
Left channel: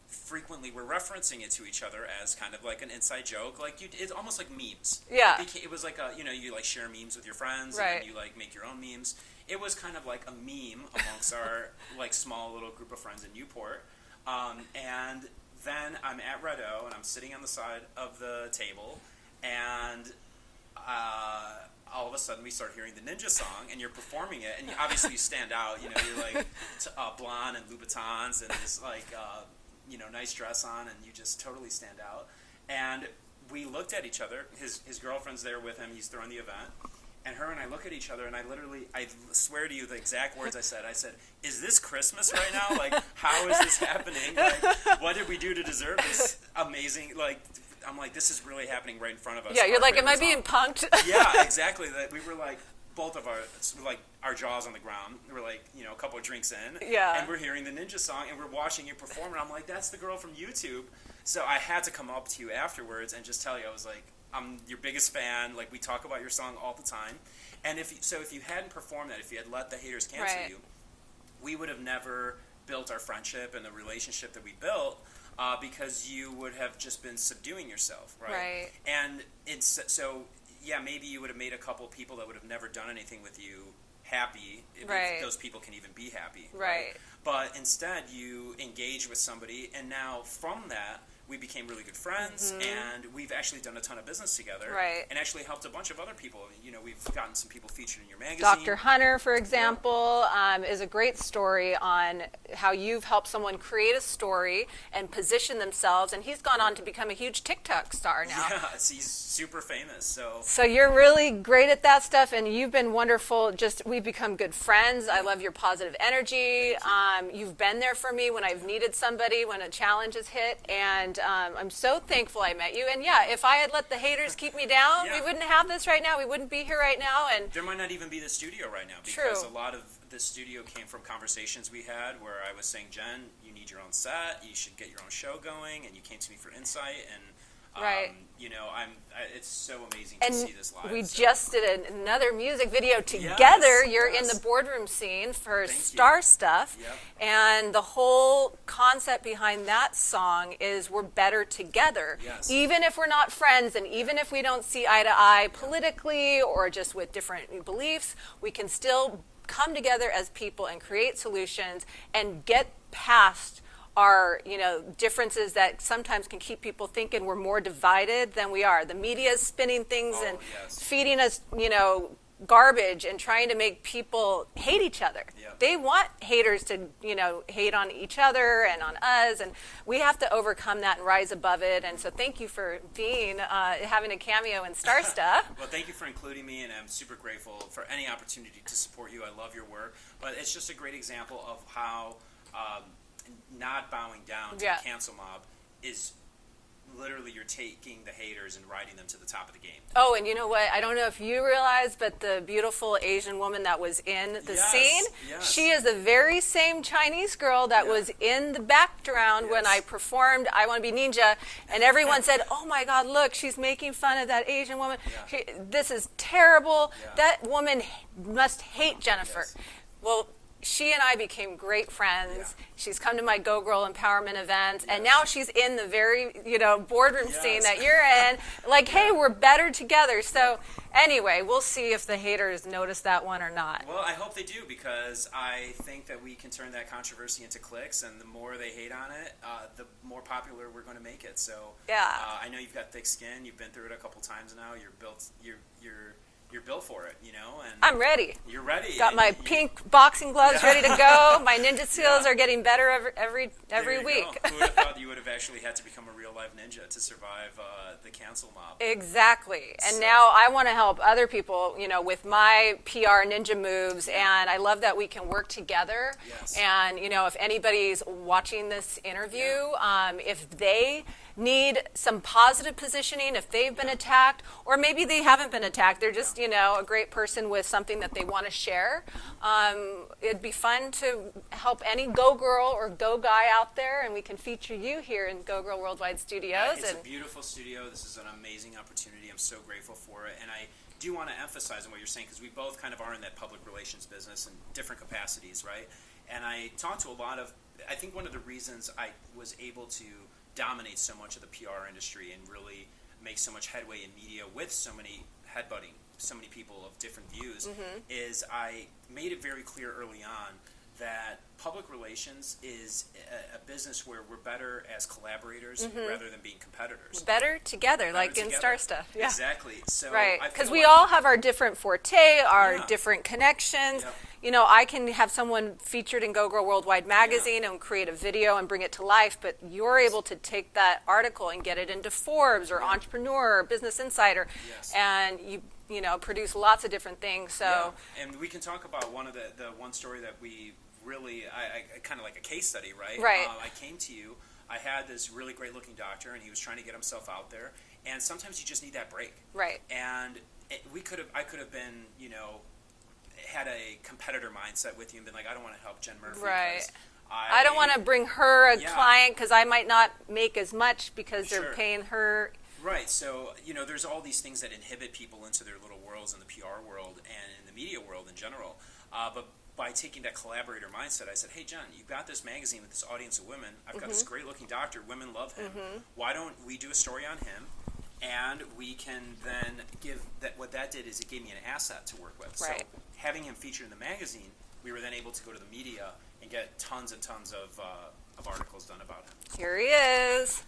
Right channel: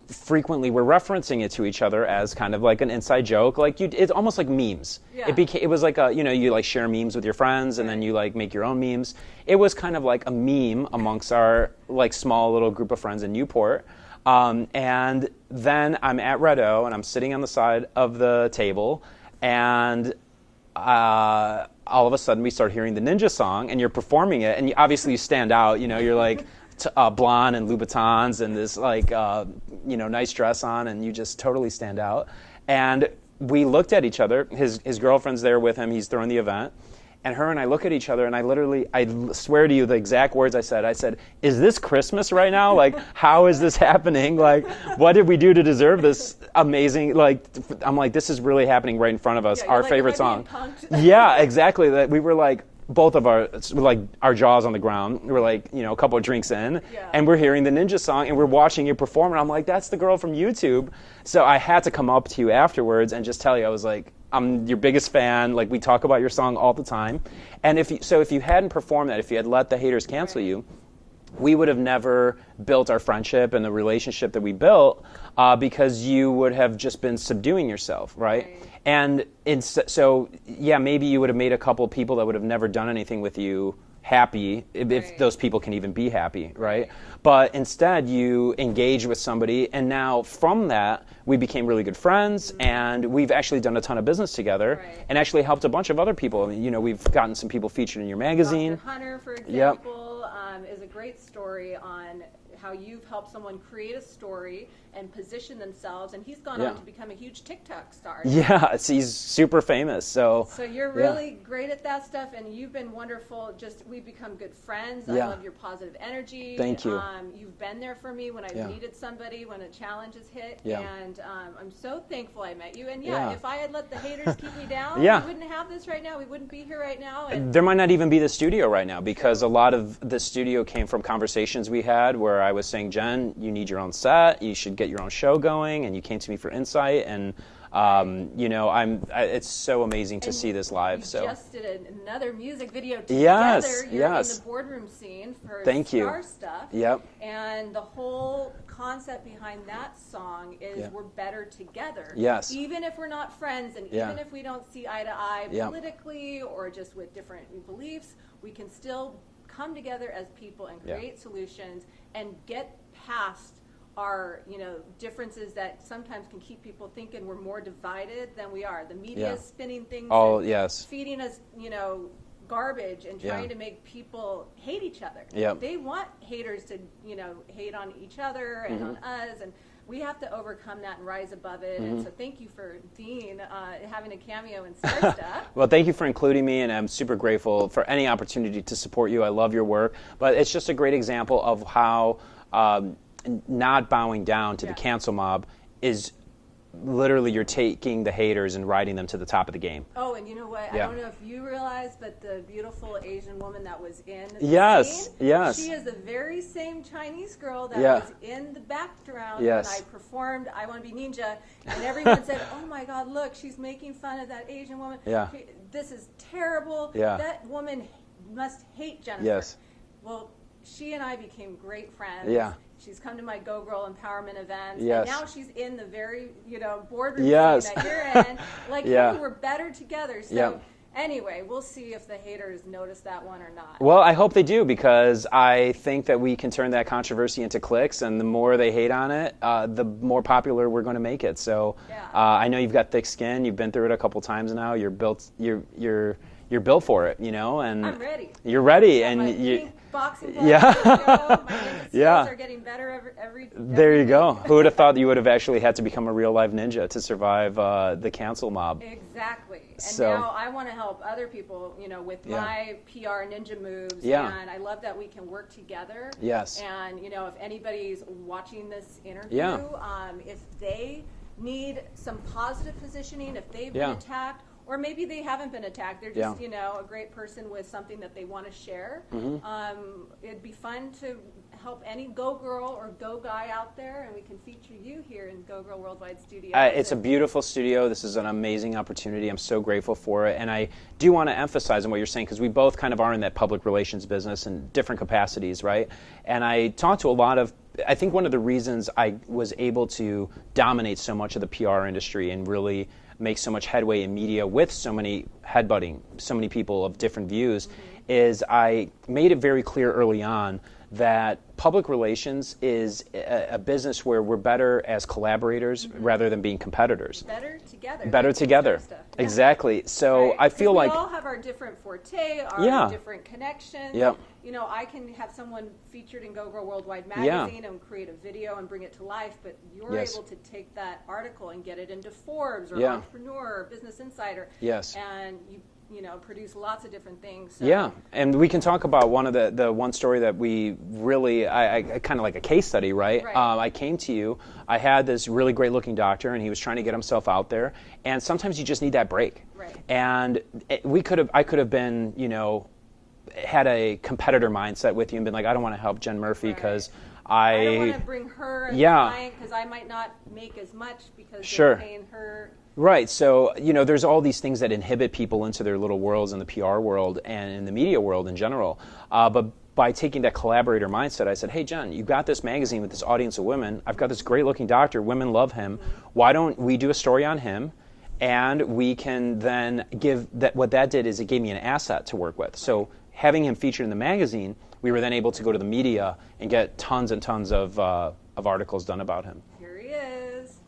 frequently were referencing it to each other as kind of like an inside joke. Like it's almost like memes. Yeah. It was like you like share memes with your friends, and then you like make your own memes. It was kind of like a meme amongst our like small little group of friends in Newport. And then I'm at Red O, and I'm sitting on the side of the table, and all of a sudden we start hearing the ninja song, and you're performing it, and you obviously stand out. You know, you're like blonde and Louboutins and this like nice dress on, and you just totally stand out. And we looked at each other. His girlfriend's there with him. He's throwing the event. And her and I look at each other, and I swear to you the exact words I said, is this Christmas right now? Like, how is this happening? Like, what did we do to deserve this amazing, like, I'm like, this is really happening right in front of us, yeah, our like, favorite am I song. being punked? Yeah, exactly. That we were like, both of our jaws on the ground. We're like, a couple of drinks in, and we're hearing the ninja song, and we're watching you perform, and I'm like, that's the girl from YouTube. So I had to come up to you afterwards and just tell you, I was like, I'm your biggest fan. Like, we talk about your song all the time. And if you hadn't performed that, if you had let the haters cancel you, we would have never built our friendship and the relationship that we built because you would have just been subduing yourself, right? And so maybe you would have made a couple of people that would have never done anything with you happy, if those people can even be happy, right? But instead, you engage with somebody, and now from that, we became really good friends, and we've actually done a ton of business together, and actually helped a bunch of other people. I mean, we've gotten some people featured in your magazine. Dr. Hunter, for example, is a great story on how you've helped someone create a story and position themselves, and he's gone on to become a huge TikTok star now. Yeah, he's super famous. So you're really great at that stuff, and you've been wonderful. We've become good friends. I love your positive energy. Thank you. You've been there for me when I've needed somebody, when a challenge has hit, and I'm so thankful I met you. And if I had let the haters keep me down, we wouldn't have this right now. We wouldn't be here right now. And there might not even be the studio right now because a lot of the studio came from conversations we had where I was saying, Jen, you need your own set. You should get your own show going. And you came to me for insight. And it's so amazing to see this live. We just did another music video together. You're in the boardroom scene for Star Stuff. And the whole concept behind that song is we're better together. Even if we're not friends, and even if we don't see eye to eye politically or just with different beliefs, we can still come together as people and create solutions and get past our differences that sometimes can keep people thinking we're more divided than we are. The media is spinning things and feeding us garbage and trying to make people hate each other. They want haters to hate on each other and on us, and we have to overcome that and rise above it. And so thank you for having a cameo in Star Stuff. Well, thank you for including me, and I'm super grateful for any opportunity to support you. I love your work, but it's just a great example of how not bowing down to the cancel mob is literally you're taking the haters and riding them to the top of the game. Oh, and you know what? I don't know if you realize, but the beautiful Asian woman that was in the scene, she is the very same Chinese girl that was in the background when I performed I Want to Be Ninja, and everyone said, oh my God, look, she's making fun of that Asian woman. This is terrible. That woman must hate Jennifer. Well, she and I became great friends. She's come to my GoGirl empowerment events, and now she's in the very, boardroom scene that you're in. Like, hey, we're better together. So anyway, we'll see if the haters notice that one or not. Well, I hope they do, because I think that we can turn that controversy into clicks, and the more they hate on it, the more popular we're going to make it. So I know you've got thick skin. You've been through it a couple times now. You're built. you're built for it, you know, and I'm ready. You're ready. Got and my pink boxing gloves Yeah. ready to go. My ninja skills Yeah. are getting better every There you week. go. Who would have thought that you would have actually had to become a real live ninja to survive the cancel mob? Exactly. And So- now I want to help other people, you know, with my PR ninja moves. Yeah. And I love that we can work together. Yes. And, you know, if anybody's watching this interview, Yeah. if they need some positive positioning, if they've been Yeah. attacked, or maybe they haven't been attacked, they're just, Yeah. you know, a great person with something that they want to share. It'd be fun to help any Go Girl or Go Guy out there, and we can feature you here in GoGirl Worldwide Studios. It's a beautiful studio. This is an amazing opportunity. I'm so grateful for it. And I do want to emphasize on what you're saying, because we both kind of are in that public relations business in different capacities, right? And I talked to a lot of, I think one of the reasons I was able to dominate so much of the PR industry and really make so much headway in media with so many headbutting, so many people of different views, is I made it very clear early on that public relations is a business where we're better as collaborators rather than being competitors. Better together. Better like together. In Star Stuff. Yeah. Exactly. So Right. I 'Cause feel we like all have our different forte, our Yeah. different connections. Yep. You know, I can have someone featured in GoGirl Worldwide Magazine and create a video and bring it to life, but you're Yes. able to take that article and get it into Forbes or Yeah. Entrepreneur or Business Insider. Yes. And you know, produce lots of different things. So yeah, and we can talk about one of the one story that we really, I kind of like a case study, right? Right. I came to you, I had this really great looking doctor, and he was trying to get himself out there, and sometimes you just need that break. Right. And I could have been, you know, had a competitor mindset with you and been like, I don't want to help Jen Murphy Right. because I don't want to bring her a Yeah. client because I might not make as much because Sure. they're paying her. Right. So, you know, there's all these things that inhibit people into their little worlds in the PR world and in the media world in general. But by taking that collaborator mindset, I said, hey, Jen, you got this magazine with this audience of women. I've got this great looking doctor. Women love him. Why don't we do a story on him? And we can then give that. What that did is it gave me an asset to work with. So Right. having him featured in the magazine, we were then able to go to the media and get tons and tons of articles done about him. Here he is.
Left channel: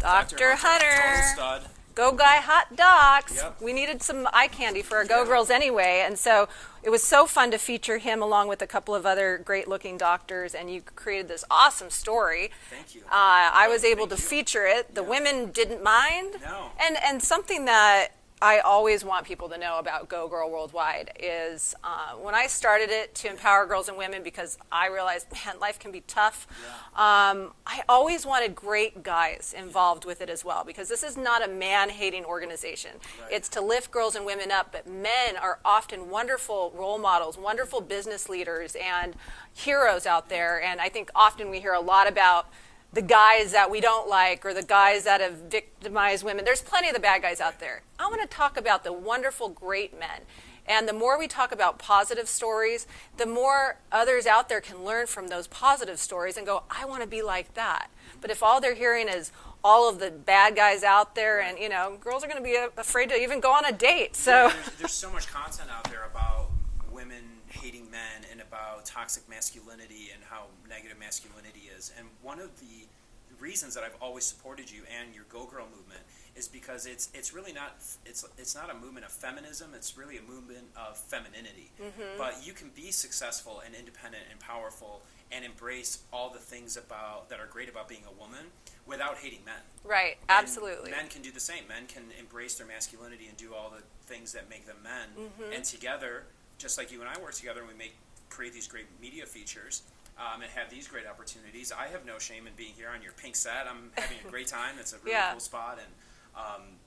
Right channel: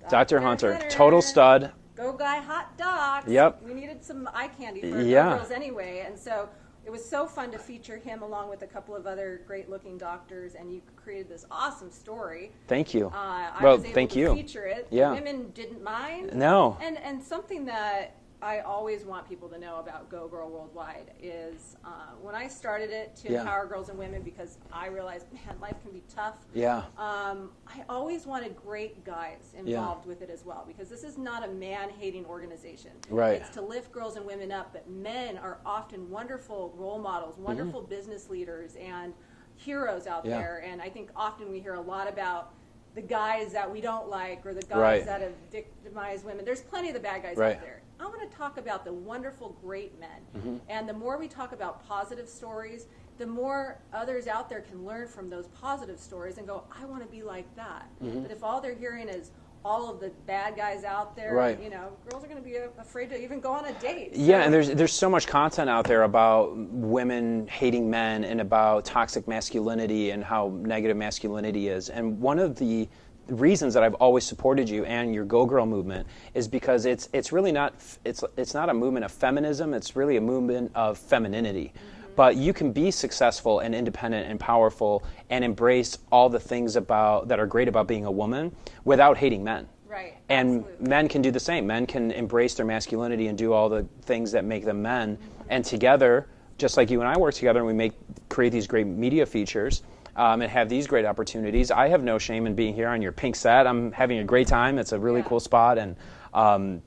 Dr. Hunter, total stud. Go Guy Hot Docs. Yep. We needed some eye candy for our Yeah. Go Girls anyway, and so it was so fun to feature him along with a couple of other great-looking doctors, and you created this awesome story. Thank you. I Well, was able thank to you. feature it. The Yeah. women didn't mind. No. And something that I always want people to know about Go Girl Worldwide is when I started it to Yeah. empower girls and women, because I realized, man, life can be tough. Yeah. I always wanted great guys involved with it as well, because this is not a man-hating organization. Right. It's to lift girls and women up, but men are often wonderful role models, wonderful business leaders, and heroes out Yeah. there. And I think often we hear a lot about the guys that we don't like or the guys Right. that have victimized women. There's plenty of the bad guys out Right. there. I want to talk about the wonderful, great men. And the more we talk about positive stories, the more others out there can learn from those positive stories and go, I want to be like that. But if all they're hearing is all of the bad guys out there, and Right. you know, girls are going to be afraid to even go on a date. So. Yeah, and there's so much content out there about women hating men and about toxic masculinity and how negative masculinity is. And one of the reasons that I've always supported you and your Go Girl movement is because it's really not it's not a movement of feminism. It's really a movement of femininity. But you can be successful and independent and powerful and embrace all the things about that are great about being a woman without hating men. Right, And absolutely. men can do the same. Men can embrace their masculinity and do all the things that make them men. And together, just like you and I work together, and we create these great media features and have these great opportunities. I have no shame in being here on your pink set. I'm having a great time. It's a really Yeah. cool spot, and I'm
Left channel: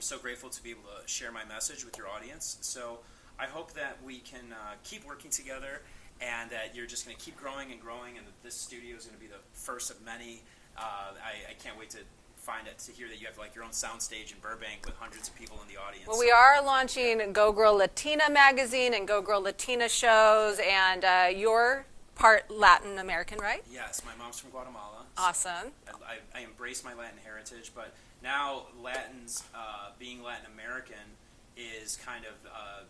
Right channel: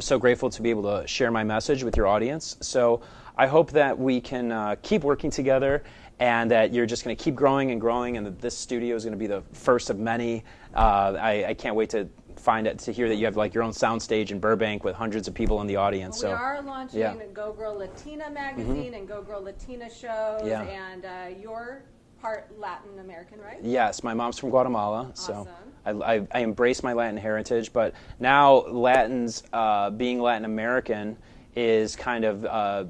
so grateful to be able to share my message with your audience. So I hope that we can keep working together, and that you're just going to keep growing and growing, and that this studio is going to be the first of many. I can't wait to hear that you have like your own soundstage in Burbank with hundreds of people in the audience. Well, So, we are launching yeah. Go Girl Latina Magazine and Go Girl Latina shows, Yeah. and you're part Latin American, right? Yes, my mom's from Guatemala. Awesome. So I embrace my Latin heritage, but now Latins, being Latin American, is kind of,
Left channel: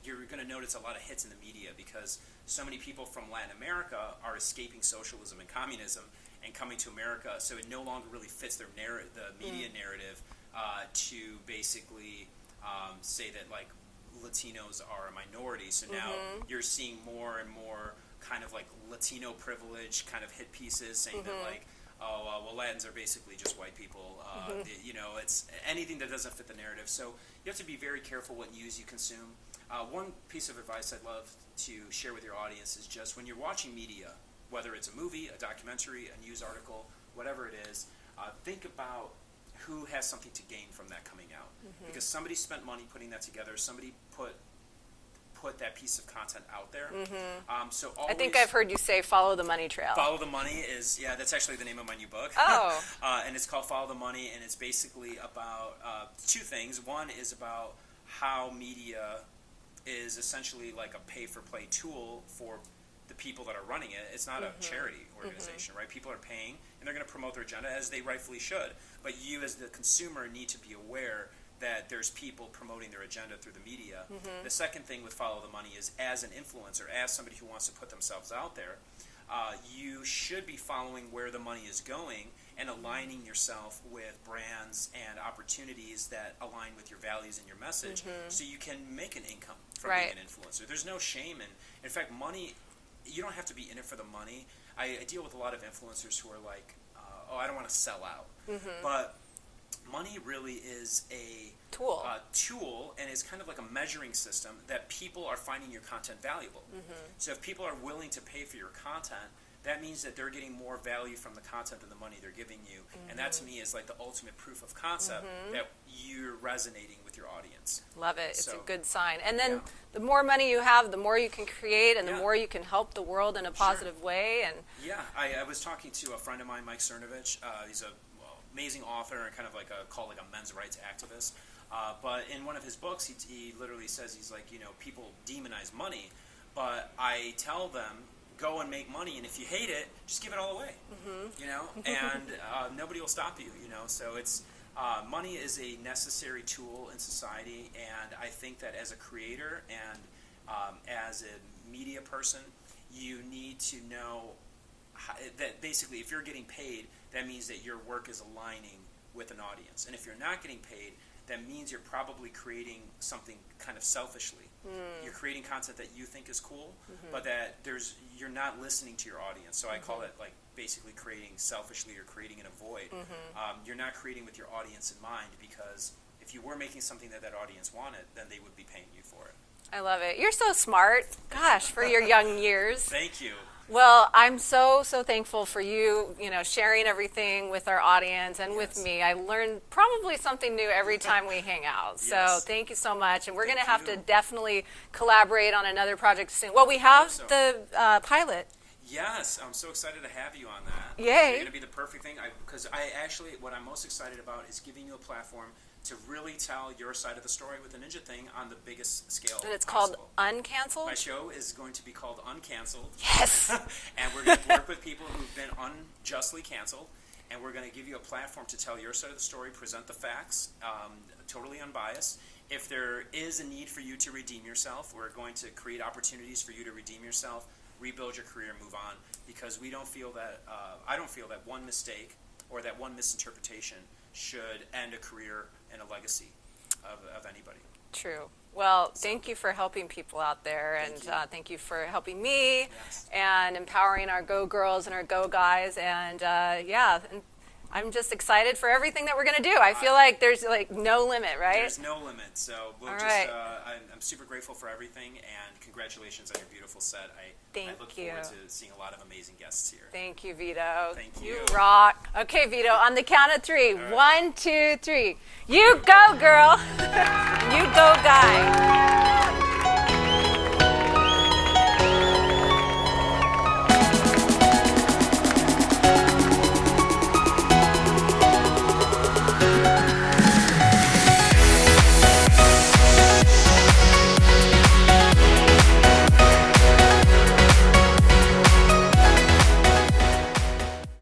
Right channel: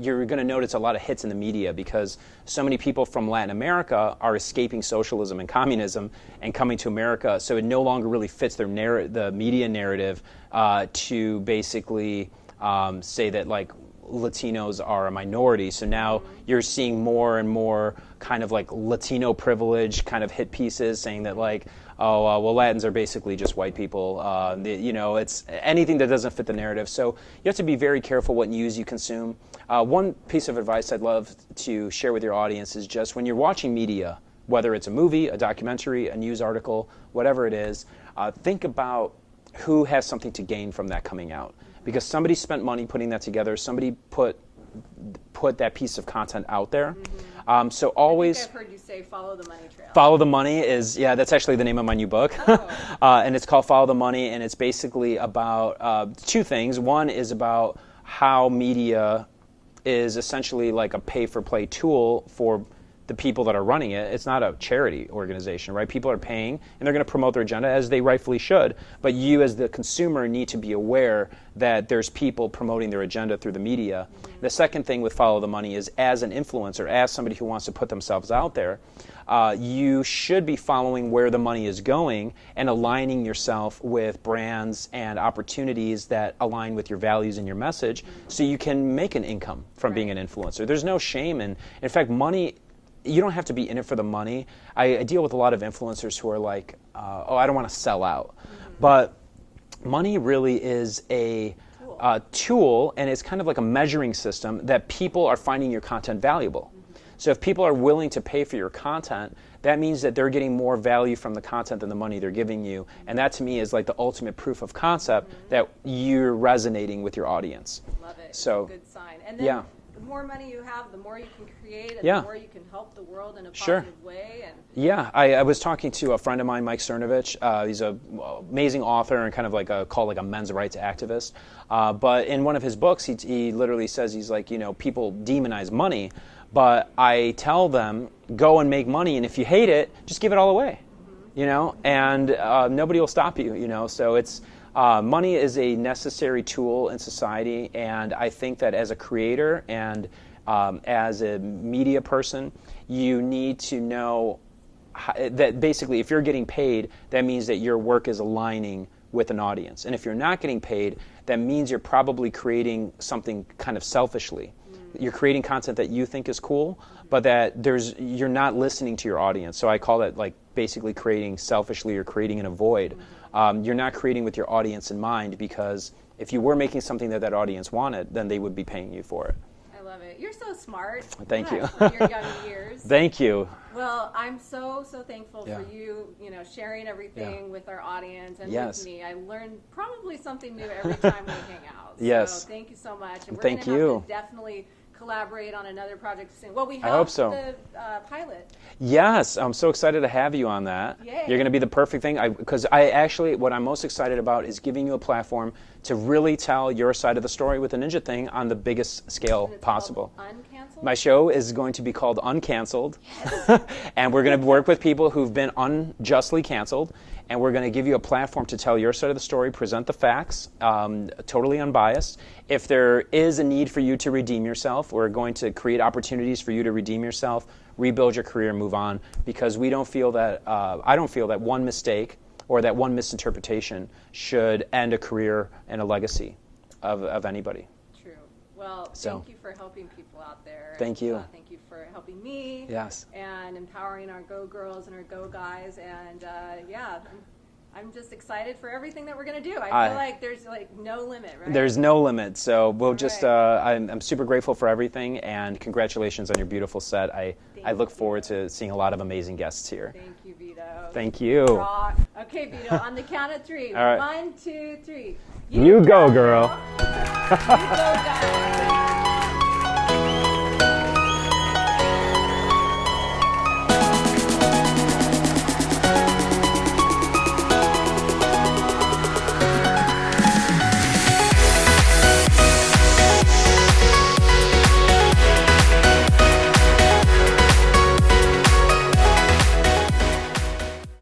you're going to notice a lot of hits in the media because so many people from Latin America are escaping socialism and communism and coming to America, so it no longer really fits the media narrative to basically say that, like, Latinos are a minority. So now you're seeing more and more kind of like Latino Privilege kind of hit pieces saying that like, oh, well, Latins are basically just white people. It's anything that doesn't fit the narrative. So you have to be very careful what news you consume. One piece of advice I'd love to share with your audience is just when you're watching media, whether it's a movie, a documentary, a news article, whatever it is, think about who has something to gain from that coming out. Because somebody spent money putting that together, somebody put that piece of content out there. So always, I think I've heard you say follow the money trail. Follow the Money is, that's actually the name of my new book. Oh. And it's called Follow the Money, and it's basically about two things. One is about how media is essentially like a pay-for-play tool for the people that are running it. It's not a charity organization, right? People are paying, and they're going to promote their agenda, as they rightfully should. But you, as the consumer, need to be aware that there's people promoting their agenda through the media. The second thing with Follow the Money is, as an influencer, as somebody who wants to put themselves out there, you should be following where the money is going and aligning yourself with brands and opportunities that align with your values and your message, so you can make an income from being an influencer. There's no shame in fact, money. You don't have to be in it for the money. I deal with a lot of influencers who are like, I don't want to sell out. But money really is a tool, and it's kind of like a measuring system that people are finding your content valuable. So if people are willing to pay for your content, that means that they're getting more value from the content than the money they're giving you. And that, to me, is like the ultimate proof of concept that you're resonating with your audience. Love it. So, it's a good sign. And then the more money you have, the more you can create, and the more you can help the world in a positive way. And I was talking to a friend of mine, Mike Cernovich. He's an amazing author and kind of like a men's rights activist. But in one of his books, he literally says, he's like, people demonize money, but I tell them, go and make money, and if you hate it, just give it all away, and nobody will stop you, so it's money is a necessary tool in society, and I think that as a creator and as a media person, you need to know that basically if you're getting paid, that means that your work is aligning with an audience, and if you're not getting paid, that means you're probably creating something kind of selfishly. You're creating content that you think is cool, but that you're not listening to your audience. So I call that like basically creating selfishly or creating in a void. You're not creating with your audience in mind, because if you were making something that audience wanted, then they would be paying you for it. I love it. You're so smart. Thank you. For your young years. Thank you. Well, I'm so thankful for you, sharing everything with our audience and with me. I learn probably something new every time we hang out. So thank you so much. And we're going to have to definitely collaborate on another project soon. Well, we have the pilot. Yes, I'm so excited to have you on that. Yay. You're going to be the perfect thing, because what I'm most excited about is giving you a platform to really tell your side of the story with the Ninja Thing on the biggest scale and it's possible. Called Uncanceled? My show is going to be called Uncanceled. Yes. And we're going to work with people who've been unjustly canceled, and we're going to give you a platform to tell your side of the story, present the facts, totally unbiased. If there is a need for you to redeem yourself, we're going to create opportunities for you to redeem yourself, rebuild your career, and move on, because we don't feel that, I don't feel that one mistake or that one misinterpretation should end a career and a legacy of anybody. True. Well, thank you for helping people out there. Thank you. Thank you for helping me. Yes. And empowering our Go Girls and our Go Guys. And I'm just excited for everything that we're going to do. I feel like there's like no limit, right? There's no limit. So we'll I'm super grateful for everything, and congratulations on your beautiful set. I look forward to seeing a lot of amazing guests here. Thank you, Vito. Thank you. Rock. Okay, Vito, on the count of three. All right. 1, 2, 3. You go, girl. You go, guy.